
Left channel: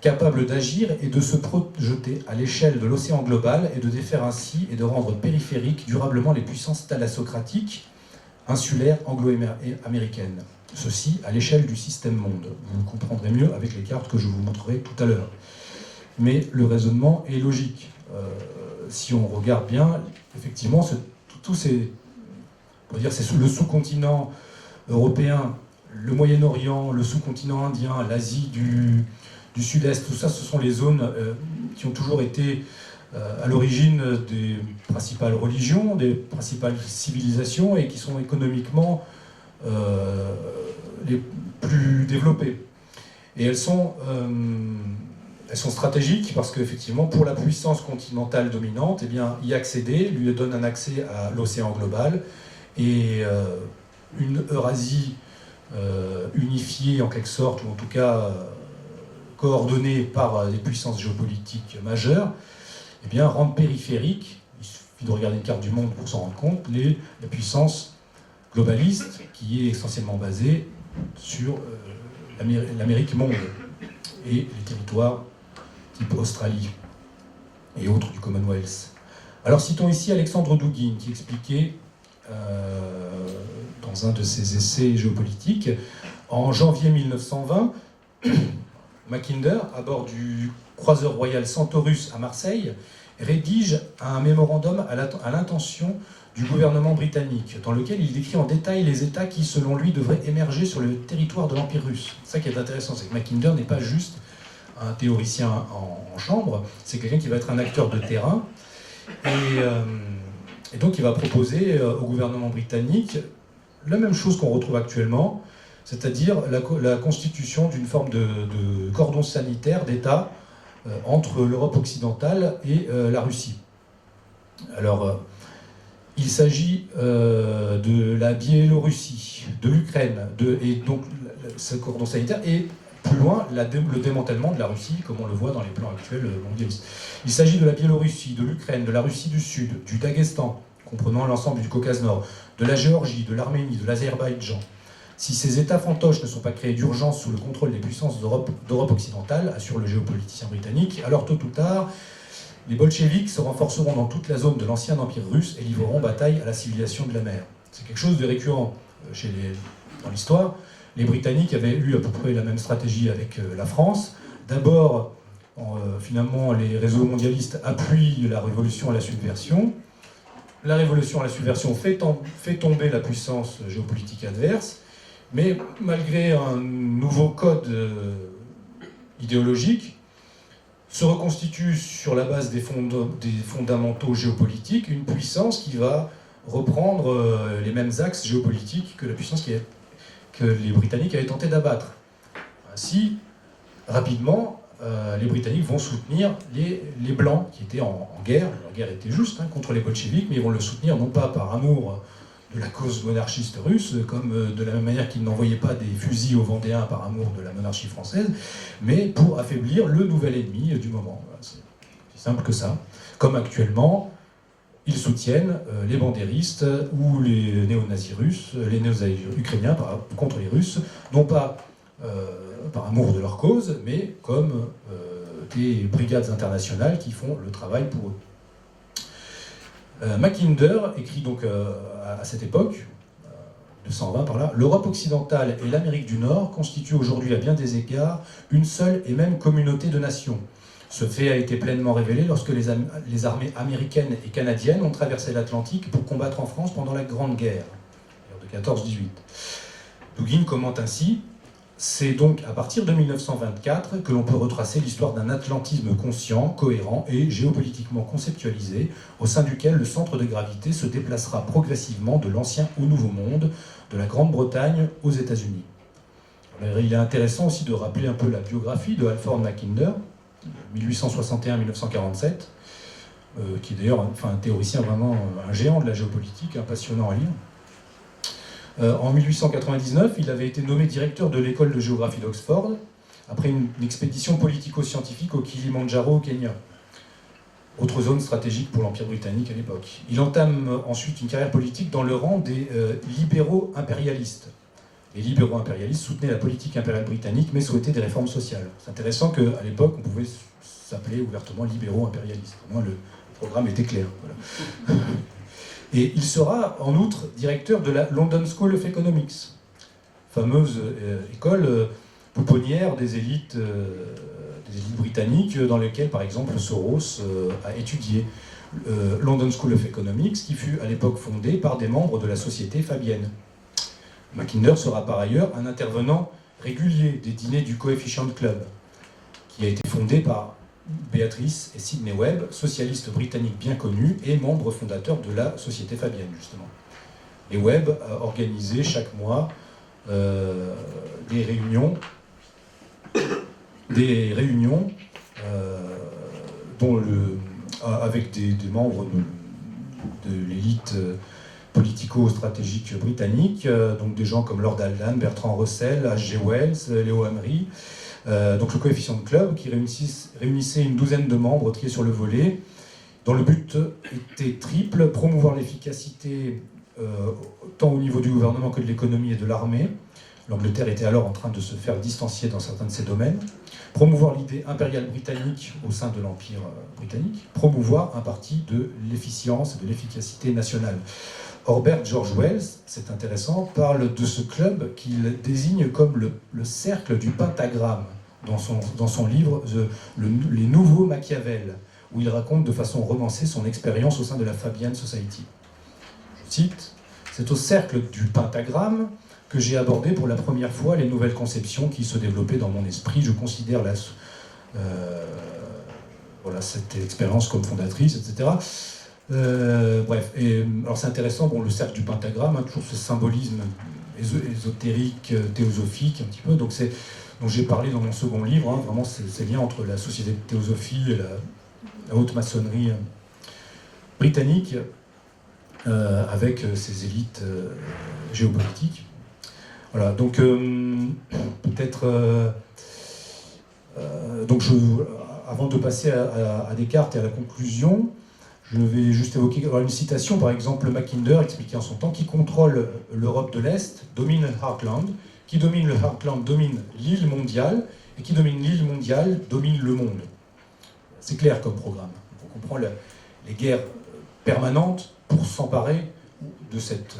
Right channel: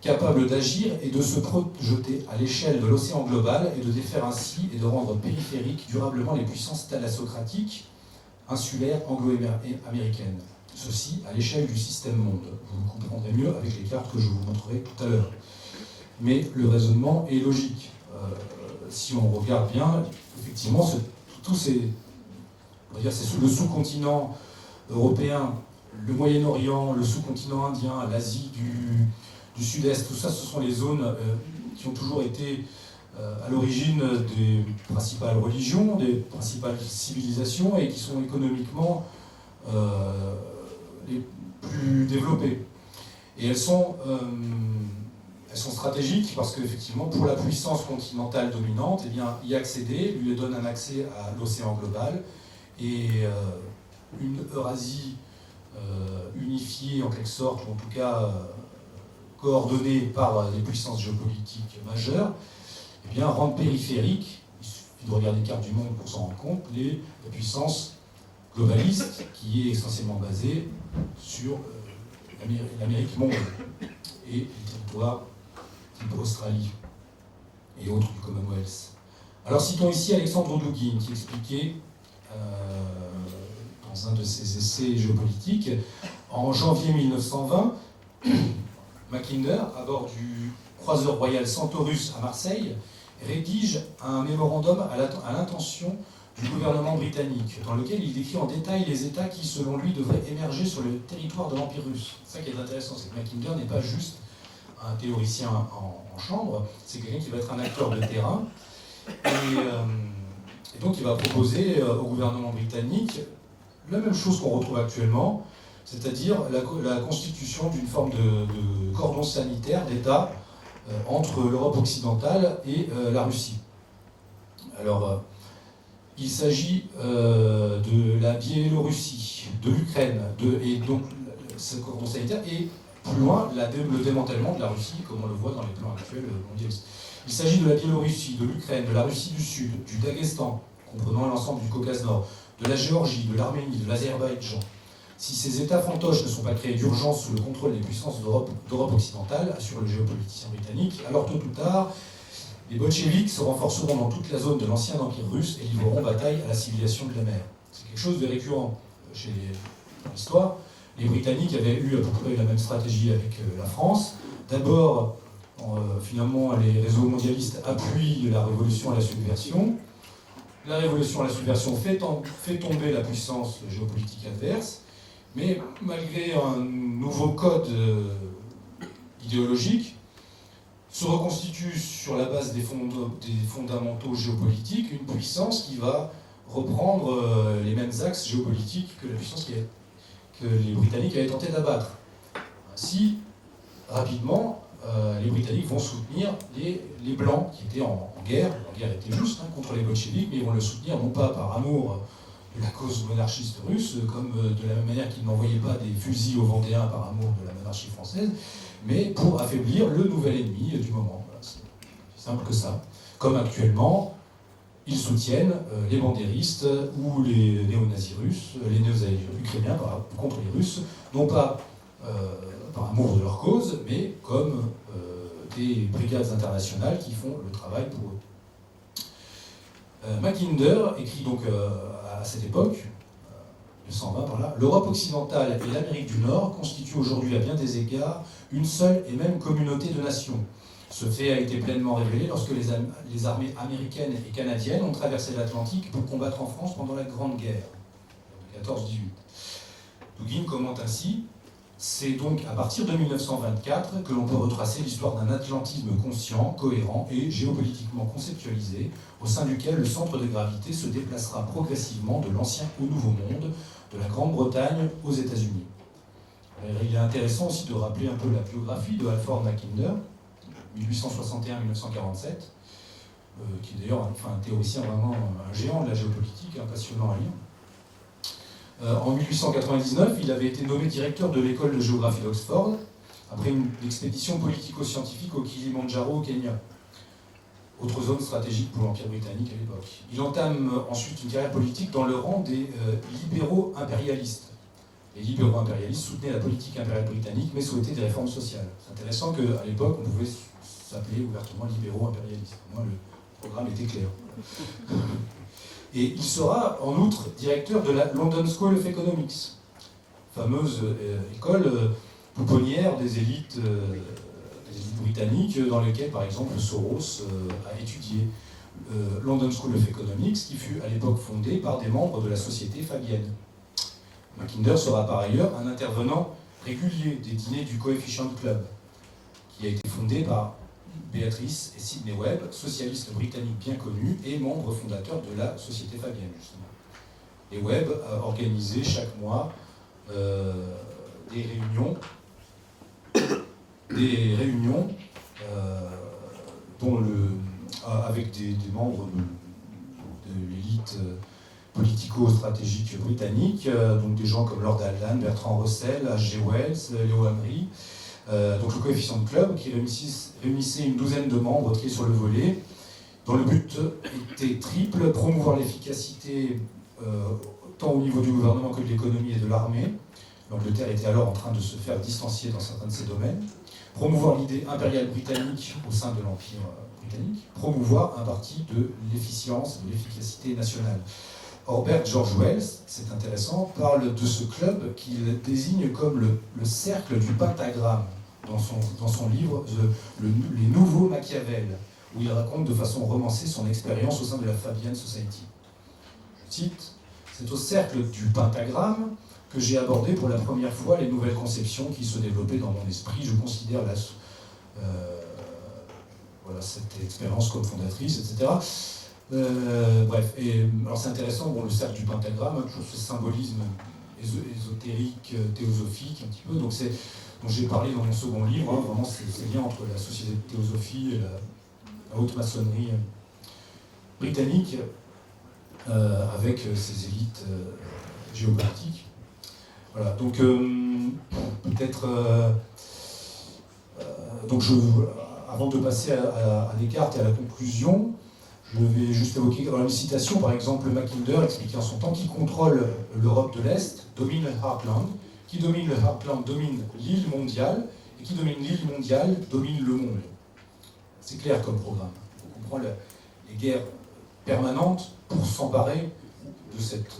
capable d'agir et de se projeter à l'échelle de l'océan global et de défaire ainsi et de rendre périphériques durablement les puissances thalassocratiques insulaires anglo-américaines. Ceci à l'échelle du système monde. Vous le comprendrez mieux avec les cartes que je vous montrerai tout à l'heure. Mais le raisonnement est logique. Si on regarde bien, effectivement, c'est le sous-continent européen, le Moyen-Orient, le sous-continent indien, l'Asie du Sud-Est, tout ça, ce sont les zones qui ont toujours été à l'origine des principales religions, des principales civilisations, et qui sont économiquement les plus développées. Et elles sont stratégiques parce qu'effectivement, pour la puissance continentale dominante, eh bien, y accéder lui donne un accès à l'océan global et une Eurasie unifiée en quelque sorte, ou en tout cas coordonnée par des puissances géopolitiques majeures, eh bien, rendent périphériques, il suffit de regarder une carte du monde pour s'en rendre compte, les puissances globalistes qui est essentiellement basée sur l'Amérique monde et les territoires type Australie et autres du Commonwealth. Alors citons ici Alexandre Douguin qui expliquait dans un de ses essais géopolitiques, en janvier 1920, Mackinder, à bord du croiseur royal Centaurus à Marseille, rédige un mémorandum à l'intention du gouvernement britannique, dans lequel il décrit en détail les États qui, selon lui, devraient émerger sur le territoire de l'Empire russe. C'est ça qui est intéressant, c'est que Mackinder n'est pas juste un théoricien en chambre, c'est quelqu'un qui va être un acteur de terrain, et donc il va proposer au gouvernement britannique la même chose qu'on retrouve actuellement, c'est-à-dire la constitution d'une forme de cordon sanitaire d'État entre l'Europe occidentale et la Russie. Alors, il s'agit de la Biélorussie, de l'Ukraine, et donc ce cordon sanitaire, et plus loin, le démantèlement de la Russie, comme on le voit dans les plans actuels mondialistes. Il s'agit de la Biélorussie, de l'Ukraine, de la Russie du Sud, du Daghestan, comprenant l'ensemble du Caucase Nord, de la Géorgie, de l'Arménie, de l'Azerbaïdjan. Si ces États fantoches ne sont pas créés d'urgence sous le contrôle des puissances d'Europe occidentale, assure le géopoliticien britannique, alors tôt ou tard, les bolcheviks se renforceront dans toute la zone de l'ancien empire russe et livreront bataille à la civilisation de la mer. C'est quelque chose de récurrent dans l'histoire. Les Britanniques avaient eu à peu près la même stratégie avec la France. D'abord, finalement, les réseaux mondialistes appuient la révolution à la subversion. La révolution à la subversion fait tomber la puissance géopolitique adverse, mais malgré un nouveau code idéologique, se reconstitue sur la base des fondamentaux géopolitiques une puissance qui va reprendre les mêmes axes géopolitiques que la puissance que les Britanniques avaient tenté d'abattre. Ainsi, rapidement, les Britanniques vont soutenir les Blancs qui étaient en guerre. La guerre était juste contre les bolcheviks, mais ils vont le soutenir non pas par amour de la cause monarchiste russe, comme de la même manière qu'ils n'envoyaient pas des fusils aux Vendéens par amour de la monarchie française, mais pour affaiblir le nouvel ennemi du moment. Voilà, c'est simple que ça. Comme actuellement, ils soutiennent les bandéristes ou les néo-nazis russes, les néo-nazis ukrainiens contre les Russes, non pas par amour de leur cause, mais comme des brigades internationales qui font le travail pour eux. Mackinder écrit donc à cette époque, 220 par là, l'Europe occidentale et l'Amérique du Nord constituent aujourd'hui à bien des égards une seule et même communauté de nations. Ce fait a été pleinement révélé lorsque les armées américaines et canadiennes ont traversé l'Atlantique pour combattre en France pendant la Grande Guerre de 14-18. Douguin commente ainsi: c'est donc à partir de 1924 que l'on peut retracer l'histoire d'un atlantisme conscient, cohérent et géopolitiquement conceptualisé, au sein duquel le centre de gravité se déplacera progressivement de l'ancien au nouveau monde, de la Grande-Bretagne aux États-Unis. Il est intéressant aussi de rappeler un peu la biographie de Halford Mackinder, 1861-1947, qui est d'ailleurs un théoricien vraiment un géant de la géopolitique, passionnant à lire. En 1899, il avait été nommé directeur de l'école de géographie d'Oxford, après une expédition politico-scientifique au Kilimandjaro au Kenya, autre zone stratégique pour l'Empire britannique à l'époque. Il entame ensuite une carrière politique dans le rang des libéraux impérialistes. Les libéraux impérialistes soutenaient la politique impériale britannique, mais souhaitaient des réformes sociales. C'est intéressant qu'à l'époque, on pouvait s'appeler ouvertement libéraux impérialistes. Au moins, le programme était clair. Voilà. Et il sera en outre directeur de la London School of Economics, fameuse école pouponnière des élites britanniques, dans lesquelles, par exemple, Soros a étudié. London School of Economics, qui fut à l'époque fondée par des membres de la Société Fabienne. Mackinder sera par ailleurs un intervenant régulier des dîners du Coefficient Club, qui a été fondé par Béatrice et Sidney Webb, socialistes britanniques bien connus et membres fondateurs de la Société Fabienne, justement. Et Webb a organisé chaque mois des réunions des réunions avec des membres de l'élite politico-stratégique britannique, donc des gens comme Lord Allan, Bertrand Russell, H.G. Wells, Léo Emery, donc le Coefficient Club, qui réunissait une douzaine de membres triés sur le volet, dont le but était triple: promouvoir l'efficacité tant au niveau du gouvernement que de l'économie et de l'armée. L'Angleterre était alors en train de se faire distancier dans certains de ces domaines. Promouvoir l'idée impériale britannique au sein de l'Empire britannique. Promouvoir un parti de l'efficience et de l'efficacité nationale. Orbert George Wells, c'est intéressant, parle de ce club qu'il désigne comme le cercle du pentagramme dans son livre Les Nouveaux Machiavel, où il raconte de façon romancée son expérience au sein de la Fabian Society. Je cite: « C'est au cercle du pentagramme que j'ai abordé pour la première fois les nouvelles conceptions qui se développaient dans mon esprit. Je considère cette expérience comme fondatrice, etc. » Bref, alors c'est intéressant, le cercle du pentagramme, toujours ce symbolisme ésotérique, théosophique, un petit peu, dont j'ai parlé dans mon second livre, vraiment ces liens entre la société de théosophie et la haute maçonnerie britannique, avec ces élites géopolitiques. Voilà, donc peut-être... avant de passer à Descartes et à la conclusion, je vais juste évoquer une citation, par exemple, Mackinder expliquait en son temps: qui contrôle l'Europe de l'Est domine le Heartland, qui domine le Heartland domine l'île mondiale, et qui domine l'île mondiale domine le monde. C'est clair comme programme. On comprend les guerres permanentes pour s'emparer de cette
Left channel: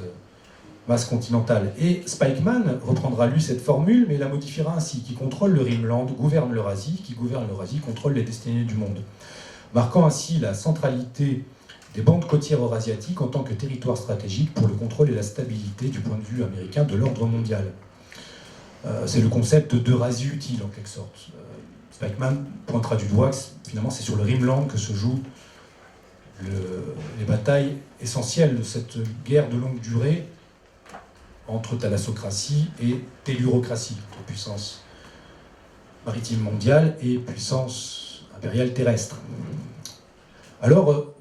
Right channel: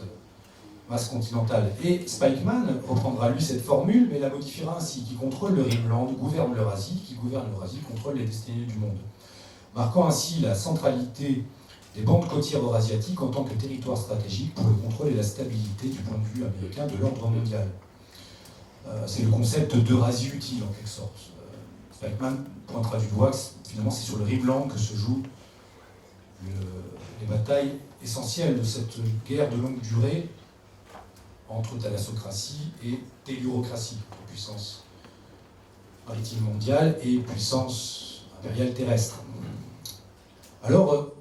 masse continentale. Et Spikeman reprendra lui cette formule, mais la modifiera ainsi: qui contrôle le Rhineland gouverne l'Eurasie, qui gouverne l'Eurasie contrôle les destinées du monde. Marquant ainsi la centralité des bandes côtières eurasiatiques en tant que territoire stratégique pour le contrôle et la stabilité du point de vue américain de l'ordre mondial. C'est le concept d'Eurasie utile en quelque sorte. Spikeman pointera du doigt que finalement c'est sur le Rhineland que se jouent les batailles essentielles de cette guerre de longue durée entre thalassocratie et tellurocratie, entre puissance maritime mondiale et puissance impériale terrestre. Alors,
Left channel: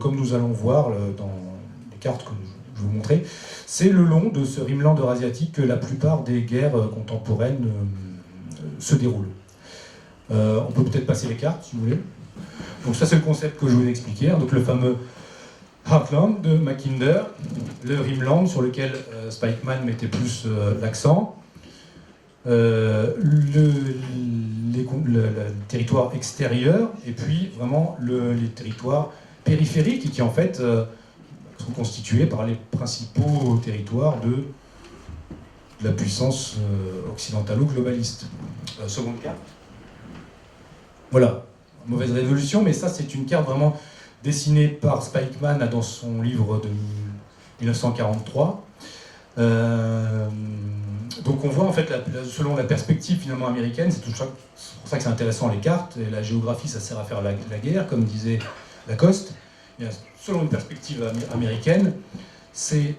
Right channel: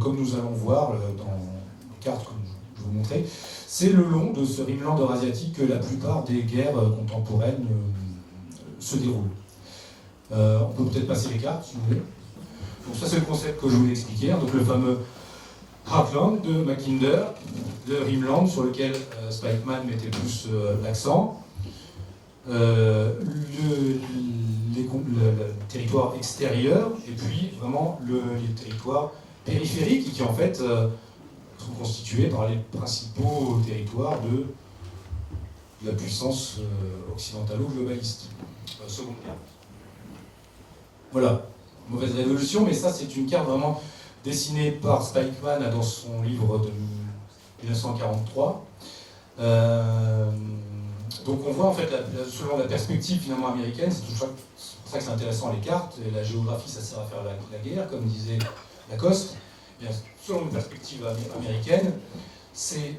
comme nous allons voir dans les cartes que je vais vous montrer, c'est le long de ce Rhineland eurasiatique que la plupart des guerres contemporaines se déroulent. On peut peut-être passer les cartes, si vous voulez. Donc ça, c'est le concept que je vous ai expliqué. Donc le fameux Heartland de Mackinder, le Rhineland sur lequel Spikeman mettait plus l'accent, le territoire extérieur, et puis vraiment les territoires périphériques qui en fait sont constitués par les principaux territoires de la puissance occidentalo-globaliste. Seconde carte. Voilà, mauvaise révolution, mais ça c'est une carte vraiment dessinée par Spikeman dans son livre de 1943. Donc on voit en fait, selon la perspective finalement américaine, c'est pour ça que c'est intéressant les cartes, et la géographie ça sert à faire la guerre, comme disait Lacoste. Selon une perspective américaine, c'est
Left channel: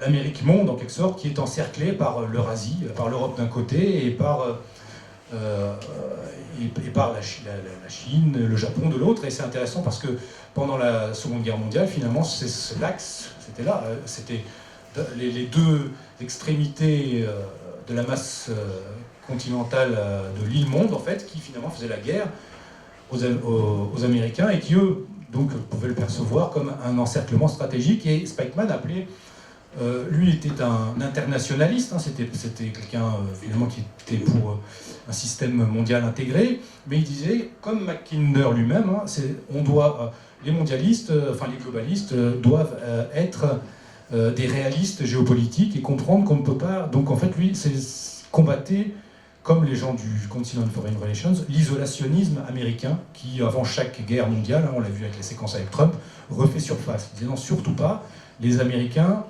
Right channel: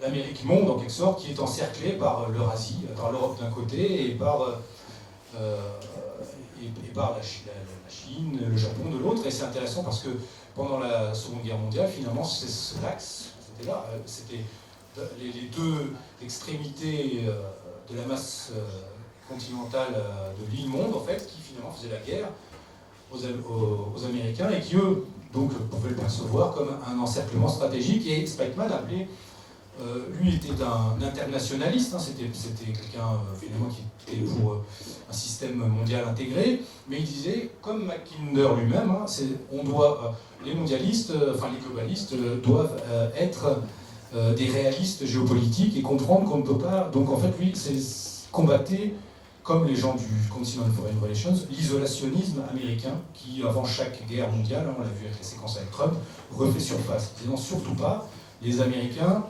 l'Amérique monde en quelque sorte qui est encerclée par l'Eurasie, par l'Europe d'un côté, et par la Chine, le Japon de l'autre. Et c'est intéressant parce que pendant la Seconde Guerre mondiale, finalement, cet axe, c'était là, c'était les deux extrémités de la masse continentale de l'île monde, en fait, qui finalement faisaient la guerre aux Américains et qui, eux, donc, pouvaient le percevoir comme un encerclement stratégique. Et Spikeman appelait, lui était un internationaliste, c'était quelqu'un finalement qui était pour un système mondial intégré, mais il disait, comme Mackinder lui-même, les mondialistes, les globalistes doivent être des réalistes géopolitiques et comprendre qu'on ne peut pas. Donc en fait, lui, c'est combattait, comme les gens du Council on Foreign Relations, l'isolationnisme américain qui, avant chaque guerre mondiale, on l'a vu avec les séquences avec Trump, refait surface. Il disait non, surtout pas, les Américains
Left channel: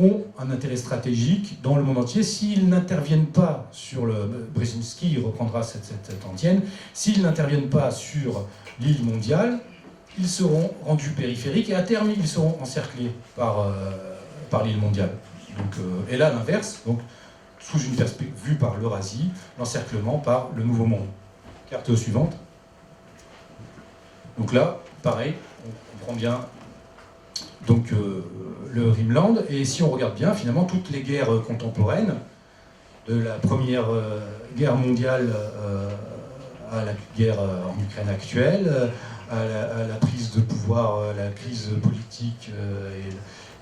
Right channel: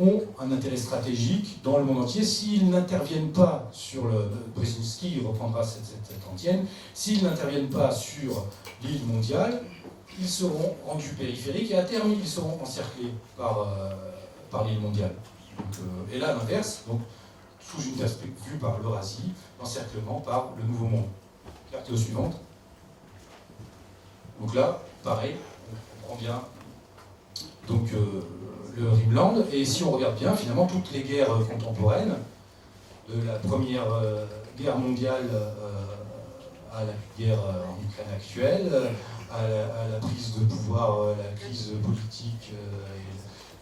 ont un intérêt stratégique dans le monde entier. S'ils n'interviennent pas sur Brzezinski reprendra cette antienne, s'ils n'interviennent pas sur l'île mondiale, ils seront rendus périphériques et à terme, ils seront encerclés par l'île mondiale. Donc, et là, l'inverse, donc sous une perspective vue par l'Eurasie, l'encerclement par le Nouveau Monde. Carte suivante. Donc là, pareil, on comprend bien donc, le Rimland, et si on regarde bien, finalement, toutes les guerres contemporaines, de la Première Guerre mondiale à la guerre en Ukraine actuelle, à la prise de pouvoir, la crise politique et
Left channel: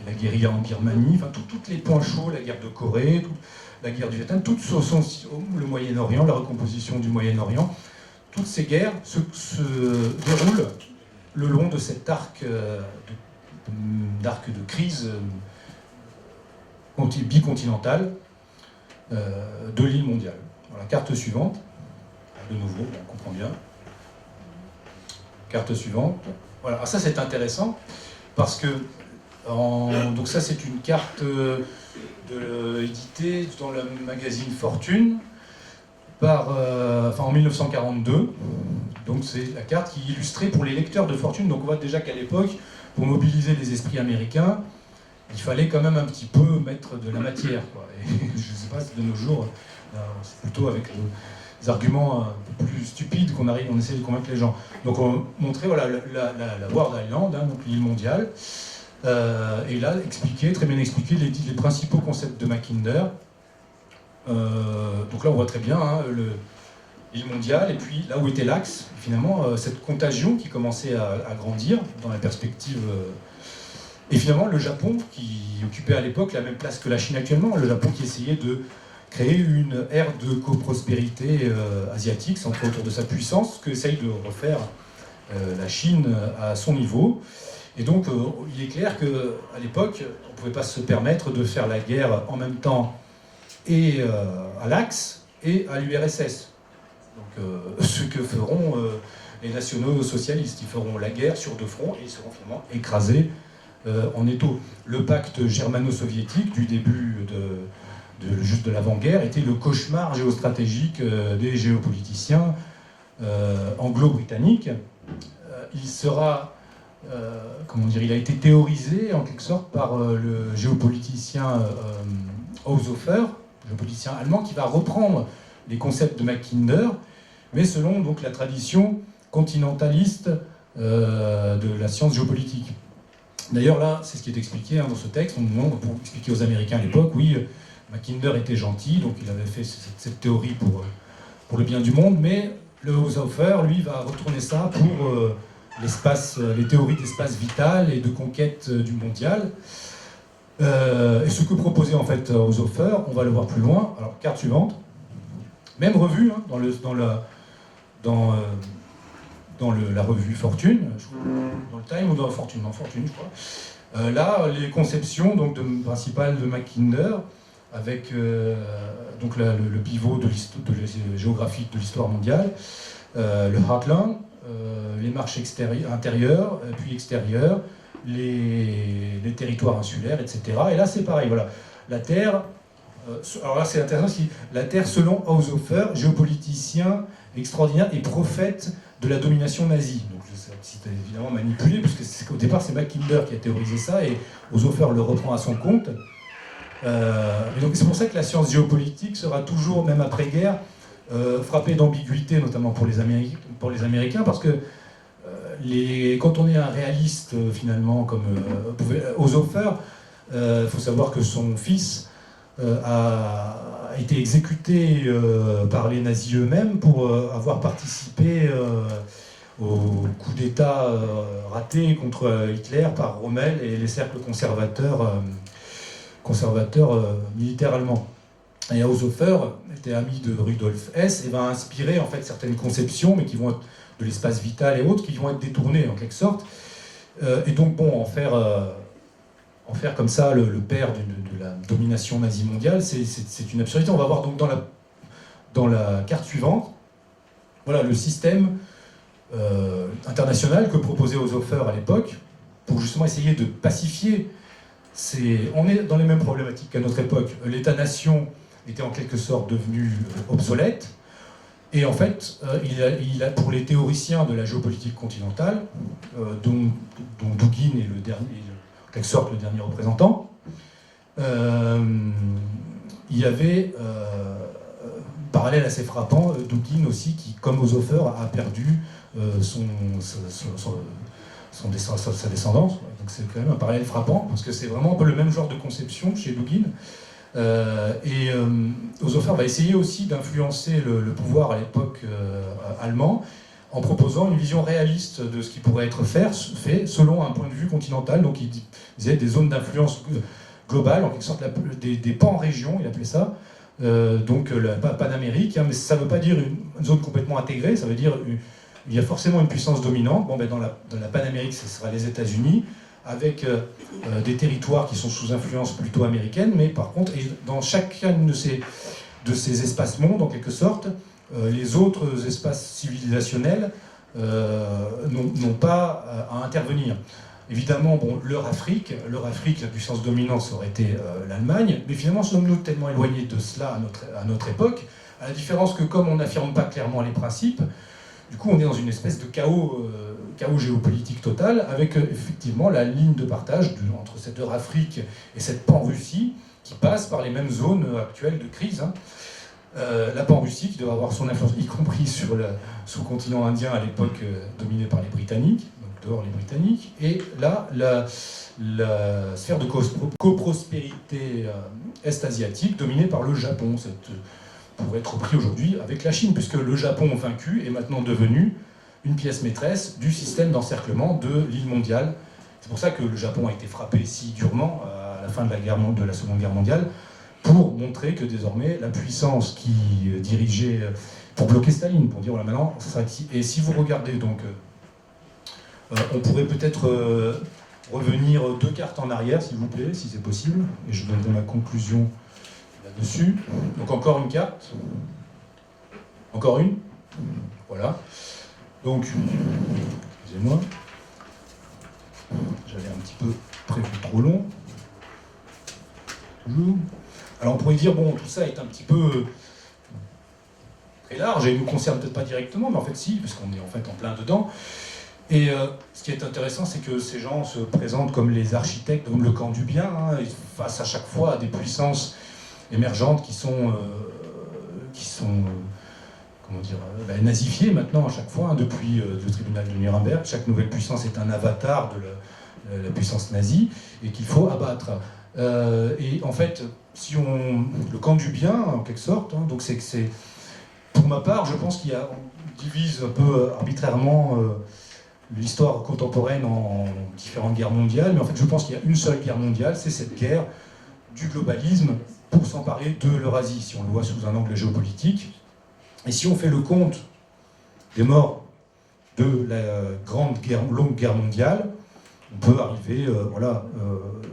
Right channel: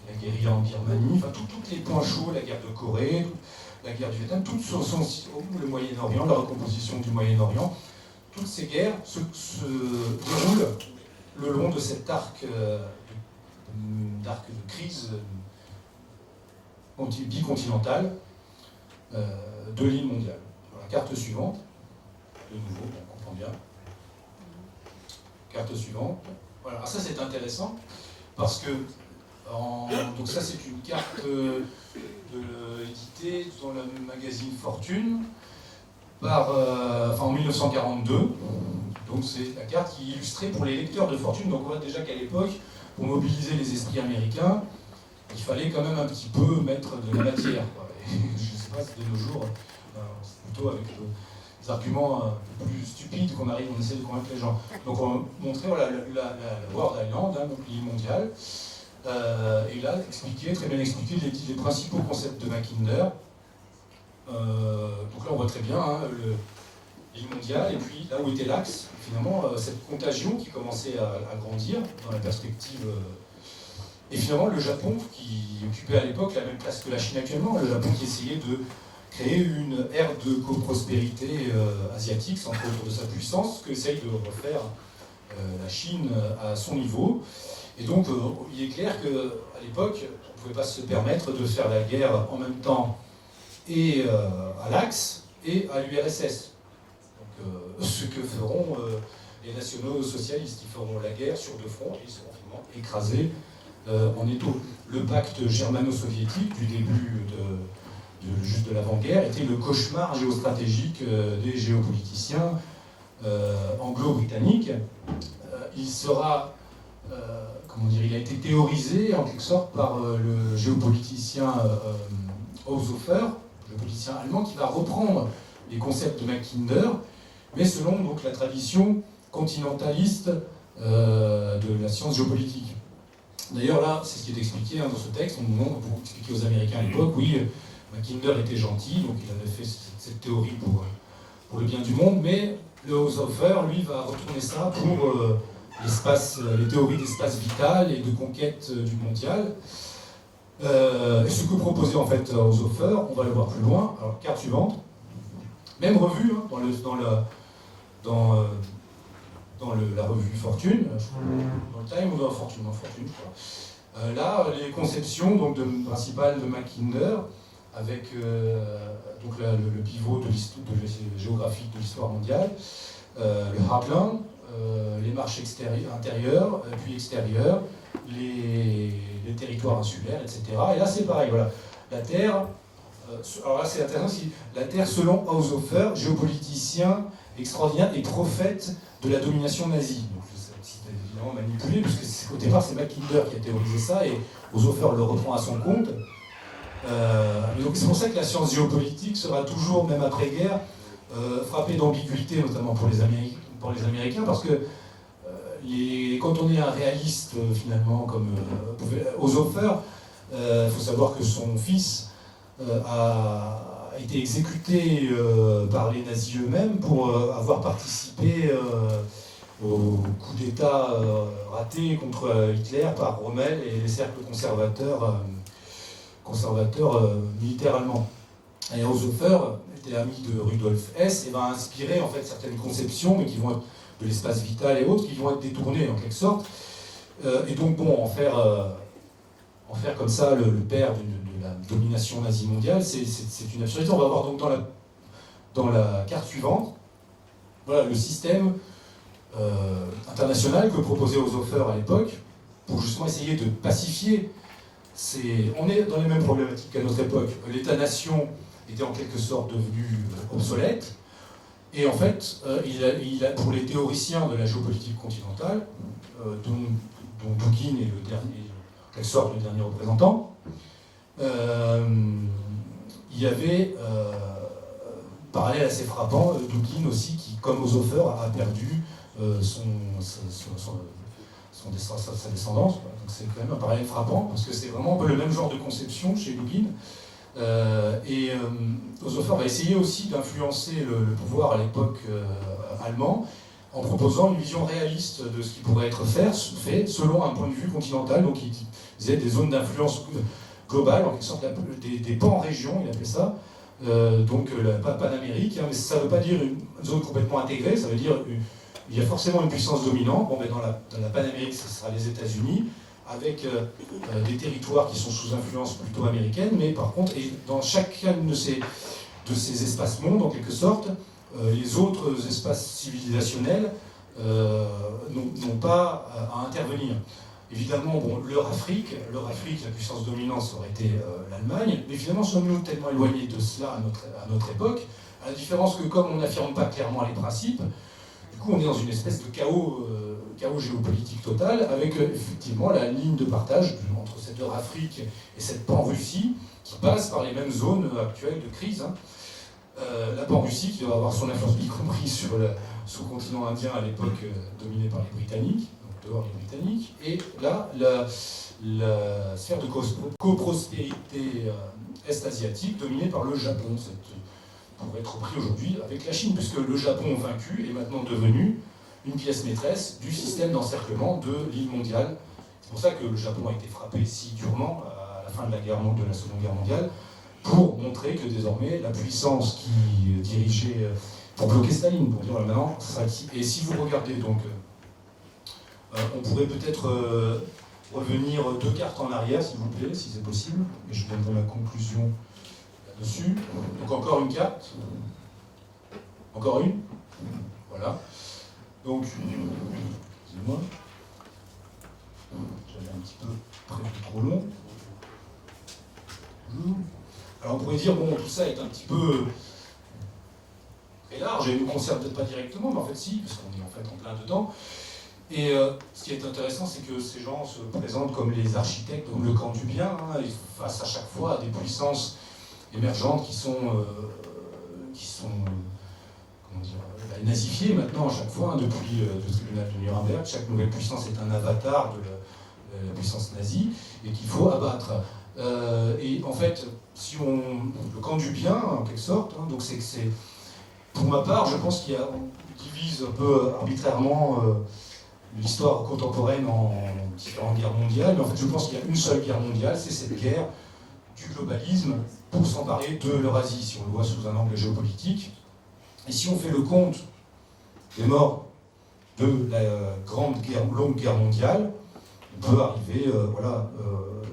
la guérilla en Birmanie, enfin tous les points chauds, la guerre de Corée, la guerre du Vietnam, toutes sont le Moyen-Orient, la recomposition du Moyen-Orient, toutes ces guerres se déroulent le long de cet arc de crise bicontinentale de l'île mondiale. Voilà, carte suivante. De nouveau, on comprend bien. Carte suivante. Voilà, alors ça c'est intéressant parce que donc ça c'est une carte éditée dans le magazine Fortune en 1942. Donc c'est la carte qui est illustrée pour les lecteurs de Fortune. Donc on voit déjà qu'à l'époque, pour mobiliser les esprits américains, il fallait quand même un petit peu mettre de la matière, quoi. Et je ne sais pas si de nos jours, c'est plutôt avec des arguments un peu plus stupides qu'on essaie de convaincre les gens. Donc on montrait voilà, la World Island, donc l'île mondiale, et là très bien expliqué les principaux concepts de Mackinder. Donc là on voit très bien l'île mondiale, et puis là où était l'axe, finalement, cette contagion qui commençait à grandir dans la perspective. Et finalement, le Japon, qui occupait à l'époque la même place que la Chine actuellement, le Japon qui essayait de créer une ère de coprospérité asiatique, centrée autour de sa puissance, que essaye de refaire la Chine à son niveau. Et donc, il est clair qu'à l'époque, on ne pouvait pas se permettre de faire la guerre en même temps et à l'Axe et à l'URSS. Ce que feront les nationaux socialistes. Ils feront la guerre sur deux fronts et ils seront finalement écrasés en étau. Le pacte germano-soviétique du début juste de l'avant-guerre était le cauchemar géostratégique des géopoliticiens anglo-britanniques. Il a été théorisé en quelque sorte par le géopoliticien Haushofer, géopoliticien allemand, qui va reprendre les concepts de Mackinder, mais selon donc, la tradition continentaliste de la science géopolitique. D'ailleurs, là, c'est ce qui est expliqué dans ce texte. On demande, pour expliquer aux Américains à l'époque, oui, Mackinder était gentil, donc il avait fait cette théorie pour le bien du monde, mais le Haushofer, lui, va retourner ça pour les théories d'espace vital et de conquête du mondial. Et ce que proposait en fait Haushofer, on va le voir plus loin. Alors, carte suivante. Même revue, hein, dans la revue Fortune, dans le Time ou dans Fortune, je crois. Là, les conceptions principales de Mackinder, avec donc le pivot de géographique de l'histoire mondiale, le Heartland, les marches intérieures, puis extérieures, les territoires insulaires, etc. Et là, c'est pareil, voilà. La Terre, alors là, c'est intéressant, la Terre, selon Haushofer, géopoliticien extraordinaire et prophète de la domination nazie. Donc c'est évidemment manipulé, parce qu'au départ, c'est Mackinder qui a théorisé ça, et Haushofer le reprend à son compte. Mais donc c'est pour ça que la science géopolitique sera toujours, même après-guerre, frappée d'ambiguïté, notamment pour les Américains, parce que quand on est un réaliste, finalement, comme Haushofer, il faut savoir que son fils a été exécuté par les nazis eux-mêmes pour avoir participé au coup d'État raté contre Hitler par Rommel et les cercles conservateurs militaires allemands. Et Haushofer était ami de Rudolf Hess et va inspirer en fait certaines conceptions, mais qui vont être de l'espace vital et autres, qui vont être détournées en quelque sorte. Et donc bon, en faire comme ça le père de la domination nazie mondiale, c'est une absurdité. On va voir donc dans la carte suivante, voilà le système international que proposait Haushofer à l'époque, pour justement essayer de pacifier. On est dans les mêmes problématiques qu'à notre époque. L'État-nation était en quelque sorte devenu obsolète, et en fait, pour les théoriciens de la géopolitique continentale, dont Dugin est en quelque sorte le dernier représentant, il y avait, parallèle assez frappant, Dugin aussi, qui, comme Oshofer, a perdu sa descendance. Donc c'est quand même un parallèle frappant, parce que c'est vraiment un peu le même genre de conception chez Dugin. Oshofer va essayer aussi d'influencer le pouvoir à l'époque allemand, en proposant une vision réaliste de ce qui pourrait être fait selon un point de vue continental. Donc il disait des zones d'influence globale, en quelque sorte des pan-régions, il appelait ça. Donc la Panamérique, hein, mais ça ne veut pas dire une zone complètement intégrée, ça veut dire il y a forcément une puissance dominante. Bon, ben dans la Panamérique, ce sera les États-Unis, avec des territoires qui sont sous influence plutôt américaine, mais par contre, et dans chacun de ces espaces-mondes, en quelque sorte, les autres espaces civilisationnels n'ont pas à intervenir. Évidemment, bon, leur Afrique, la puissance dominante, ça aurait été l'Allemagne, mais finalement, sommes-nous tellement éloignés de cela à notre époque, à la différence que, comme on n'affirme pas clairement les principes, du coup, on est dans une espèce de chaos géopolitique total, avec effectivement la ligne de partage entre cette Afrique et cette pan-Russie, qui passe par les mêmes zones actuelles de crise. Hein. La pan-Russie, qui doit avoir son influence, y compris sur le sous-continent indien à l'époque dominé par les Britanniques, dehors les Britanniques, et là, la sphère de coprospérité est-asiatique dominée par le Japon, pourrait être repris aujourd'hui avec la Chine, puisque le Japon vaincu est maintenant devenu une pièce maîtresse du système d'encerclement de l'île mondiale. C'est pour ça que le Japon a été frappé si durement à la fin de la Seconde Guerre mondiale, pour montrer que désormais la puissance qui dirigeait, pour bloquer Staline, pour dire voilà, maintenant, ça sera ici. Et si vous regardez donc... on pourrait peut-être revenir 2 cartes en arrière, s'il vous plaît, si c'est possible. Et je donnerai ma conclusion là-dessus. Donc encore une carte. Encore une. Voilà. Donc, excusez-moi. J'avais un petit peu prévu trop long. Toujours. Alors on pourrait dire, bon, tout ça est un petit peu très large et ne nous concerne peut-être pas directement, mais en fait si, parce qu'on est en fait en plein dedans. Et ce qui est intéressant, c'est que ces gens se présentent comme les architectes, comme le camp du bien, hein, face à chaque fois à des puissances émergentes qui sont comment dire, nazifiées maintenant à chaque fois, hein, depuis le tribunal de Nuremberg. Chaque nouvelle puissance est un avatar de la puissance nazie et qu'il faut abattre. Et en fait, le camp du bien, en quelque sorte, hein, donc c'est pour ma part, je pense on divise un peu arbitrairement l'histoire contemporaine en différentes guerres mondiales, mais en fait je pense qu'il y a une seule guerre mondiale, c'est cette guerre du globalisme pour s'emparer de l'Eurasie, si on le voit sous un angle géopolitique. Et si on fait le compte des morts de la longue guerre mondiale, on peut arriver,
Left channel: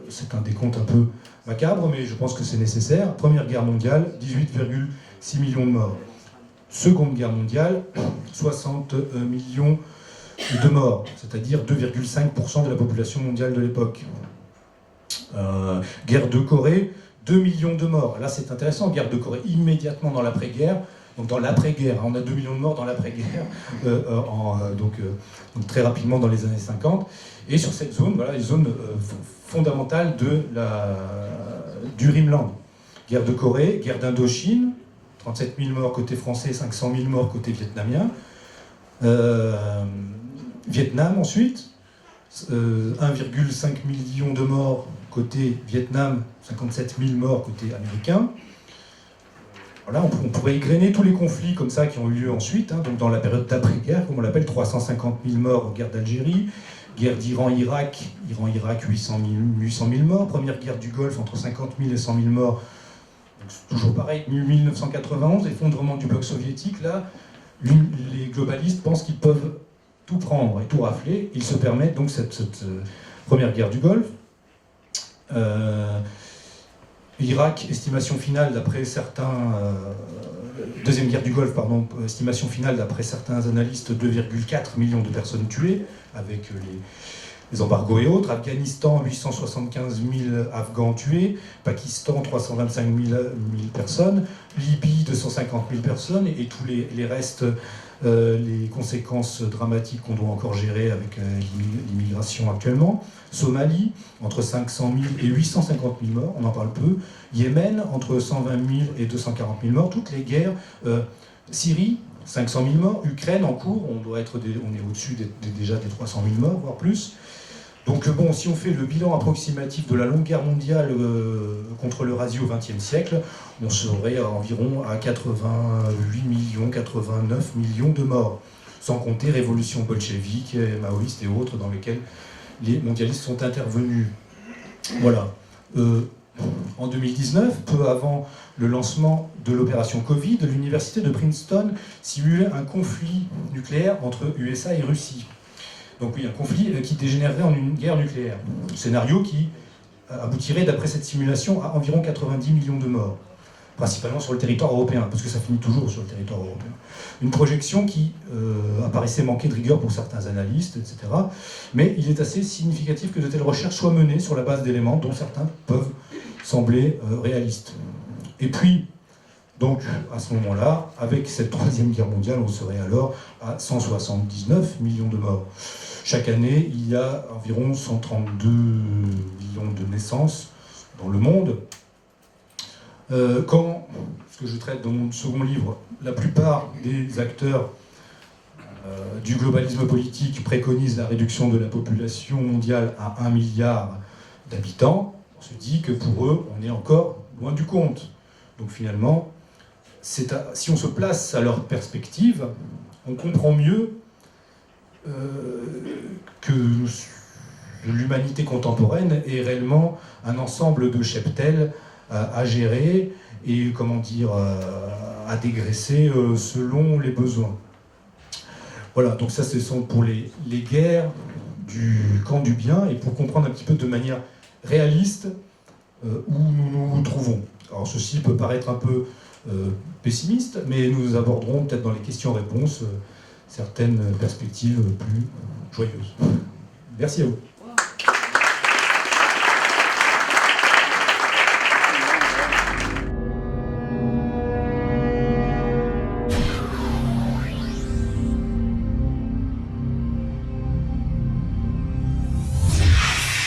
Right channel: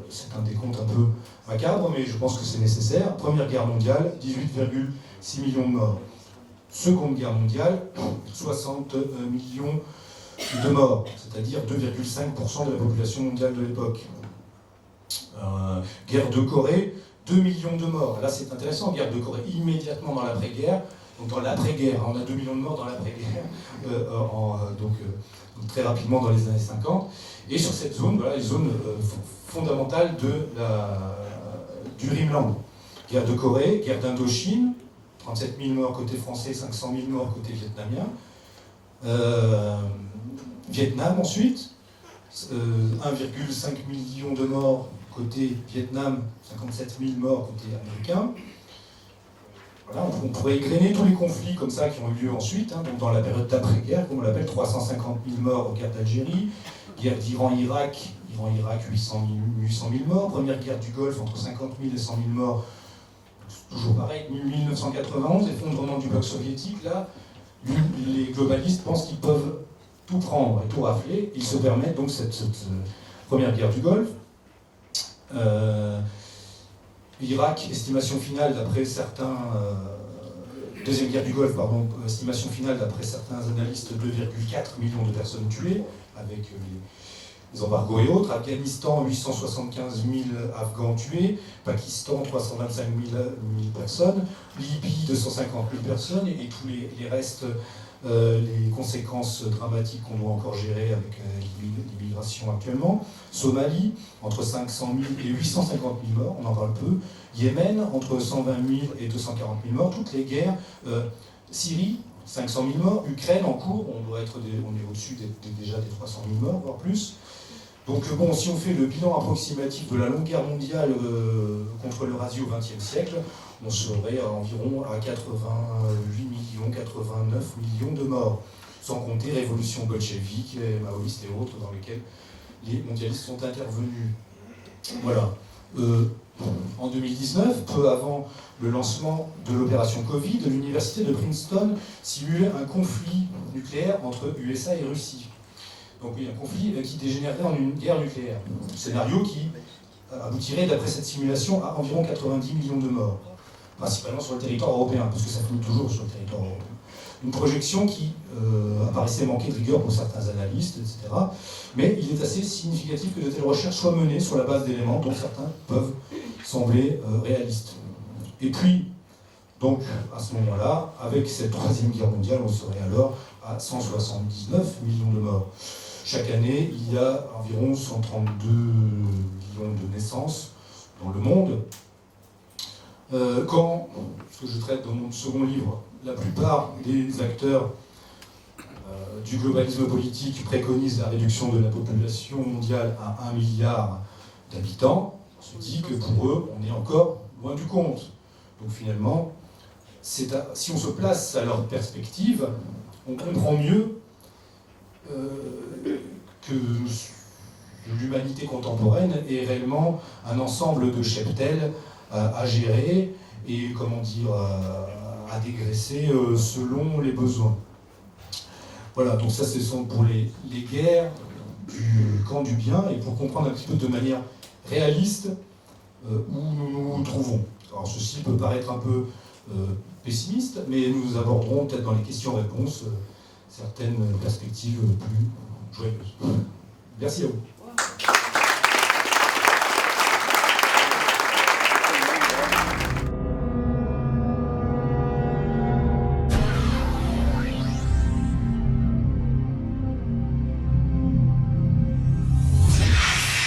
c'est un décompte un peu macabre, mais je pense que c'est nécessaire. Première guerre mondiale, 18,6 millions de morts. Seconde guerre mondiale, 60 millions de morts, c'est-à-dire 2,5% de la population mondiale de l'époque. Guerre de Corée, 2 millions de morts. Là, c'est intéressant, guerre de Corée, immédiatement dans l'après-guerre. Donc dans l'après-guerre, on a 2 millions de morts dans l'après-guerre, donc très rapidement dans les années 50. Et sur cette zone, voilà, les zones fondamentales du Rhineland. Guerre de Corée, guerre d'Indochine, 37 000 morts côté français, 500 000 morts côté vietnamien. Vietnam ensuite, 1,5 million de morts côté Vietnam, 57 000 morts côté américain. Voilà, on pourrait égrener tous les conflits comme ça qui ont eu lieu ensuite, hein, donc dans la période d'après-guerre, comme on l'appelle, 350 000 morts aux guerres d'Algérie, guerre d'Iran-Irak, 800 000 morts, première guerre du Golfe entre 50 000 et 100 000 morts, toujours pareil, 1991, effondrement du bloc soviétique, là, les globalistes pensent qu'ils peuvent tout prendre et tout rafler, ils se permettent donc cette première guerre du Golfe. Irak, estimation finale d'après certains... deuxième guerre du Golfe, pardon, estimation finale d'après certains analystes, 2,4 millions de personnes tuées, avec les embargos et autres. Afghanistan, 875 000 Afghans tués. Pakistan, 325 000 personnes. Libye, 250 000 personnes. Et tous les restes, les conséquences dramatiques qu'on doit encore gérer avec l'immigration actuellement. Somalie, entre 500 000 et 850 000 morts, on en parle peu. Yémen, entre 120 000 et 240 000 morts. Toutes les guerres. Syrie, 500 000 morts. Ukraine, en cours, on est au-dessus déjà des 300 000 morts, voire plus. Donc bon, si on fait le bilan approximatif de la longue guerre mondiale contre l'Eurasie au XXe siècle, on serait environ à 88 millions, 89 millions de morts, sans compter révolution bolchevique, maoïste et autres dans lesquelles les mondialistes sont intervenus. Voilà. En 2019, peu avant le lancement de l'opération Covid, l'université de Princeton simulait un conflit nucléaire entre USA et Russie. Donc oui, un conflit qui dégénérerait en une guerre nucléaire. Scénario qui aboutirait, d'après cette simulation, à environ 90 millions de morts, principalement sur le territoire européen, parce que ça finit toujours sur le territoire européen. Une projection qui apparaissait manquer de rigueur pour certains analystes, etc. Mais il est assez significatif que de telles recherches soient menées sur la base d'éléments dont certains peuvent sembler réalistes. Et puis, donc, à ce moment-là, avec cette troisième guerre mondiale, on serait alors à 179 millions de morts. Chaque année, il y a environ 132 millions de naissances dans le monde. Quand, ce que je traite dans mon second livre, la plupart des acteurs du globalisme politique préconisent la réduction de la population mondiale à 1 milliard d'habitants, on se dit que pour eux, on est encore loin du compte. Donc finalement, si on se place à leur perspective, on comprend mieux que l'humanité contemporaine est réellement un ensemble de cheptels à gérer et, comment dire, à dégraisser selon les besoins. Voilà, donc ça ce sont pour les guerres du camp du bien et pour comprendre un petit peu de manière réaliste où nous nous trouvons. Alors ceci peut paraître un peu pessimiste, mais nous aborderons peut-être dans les questions-réponses certaines perspectives plus joyeuses. Merci à vous.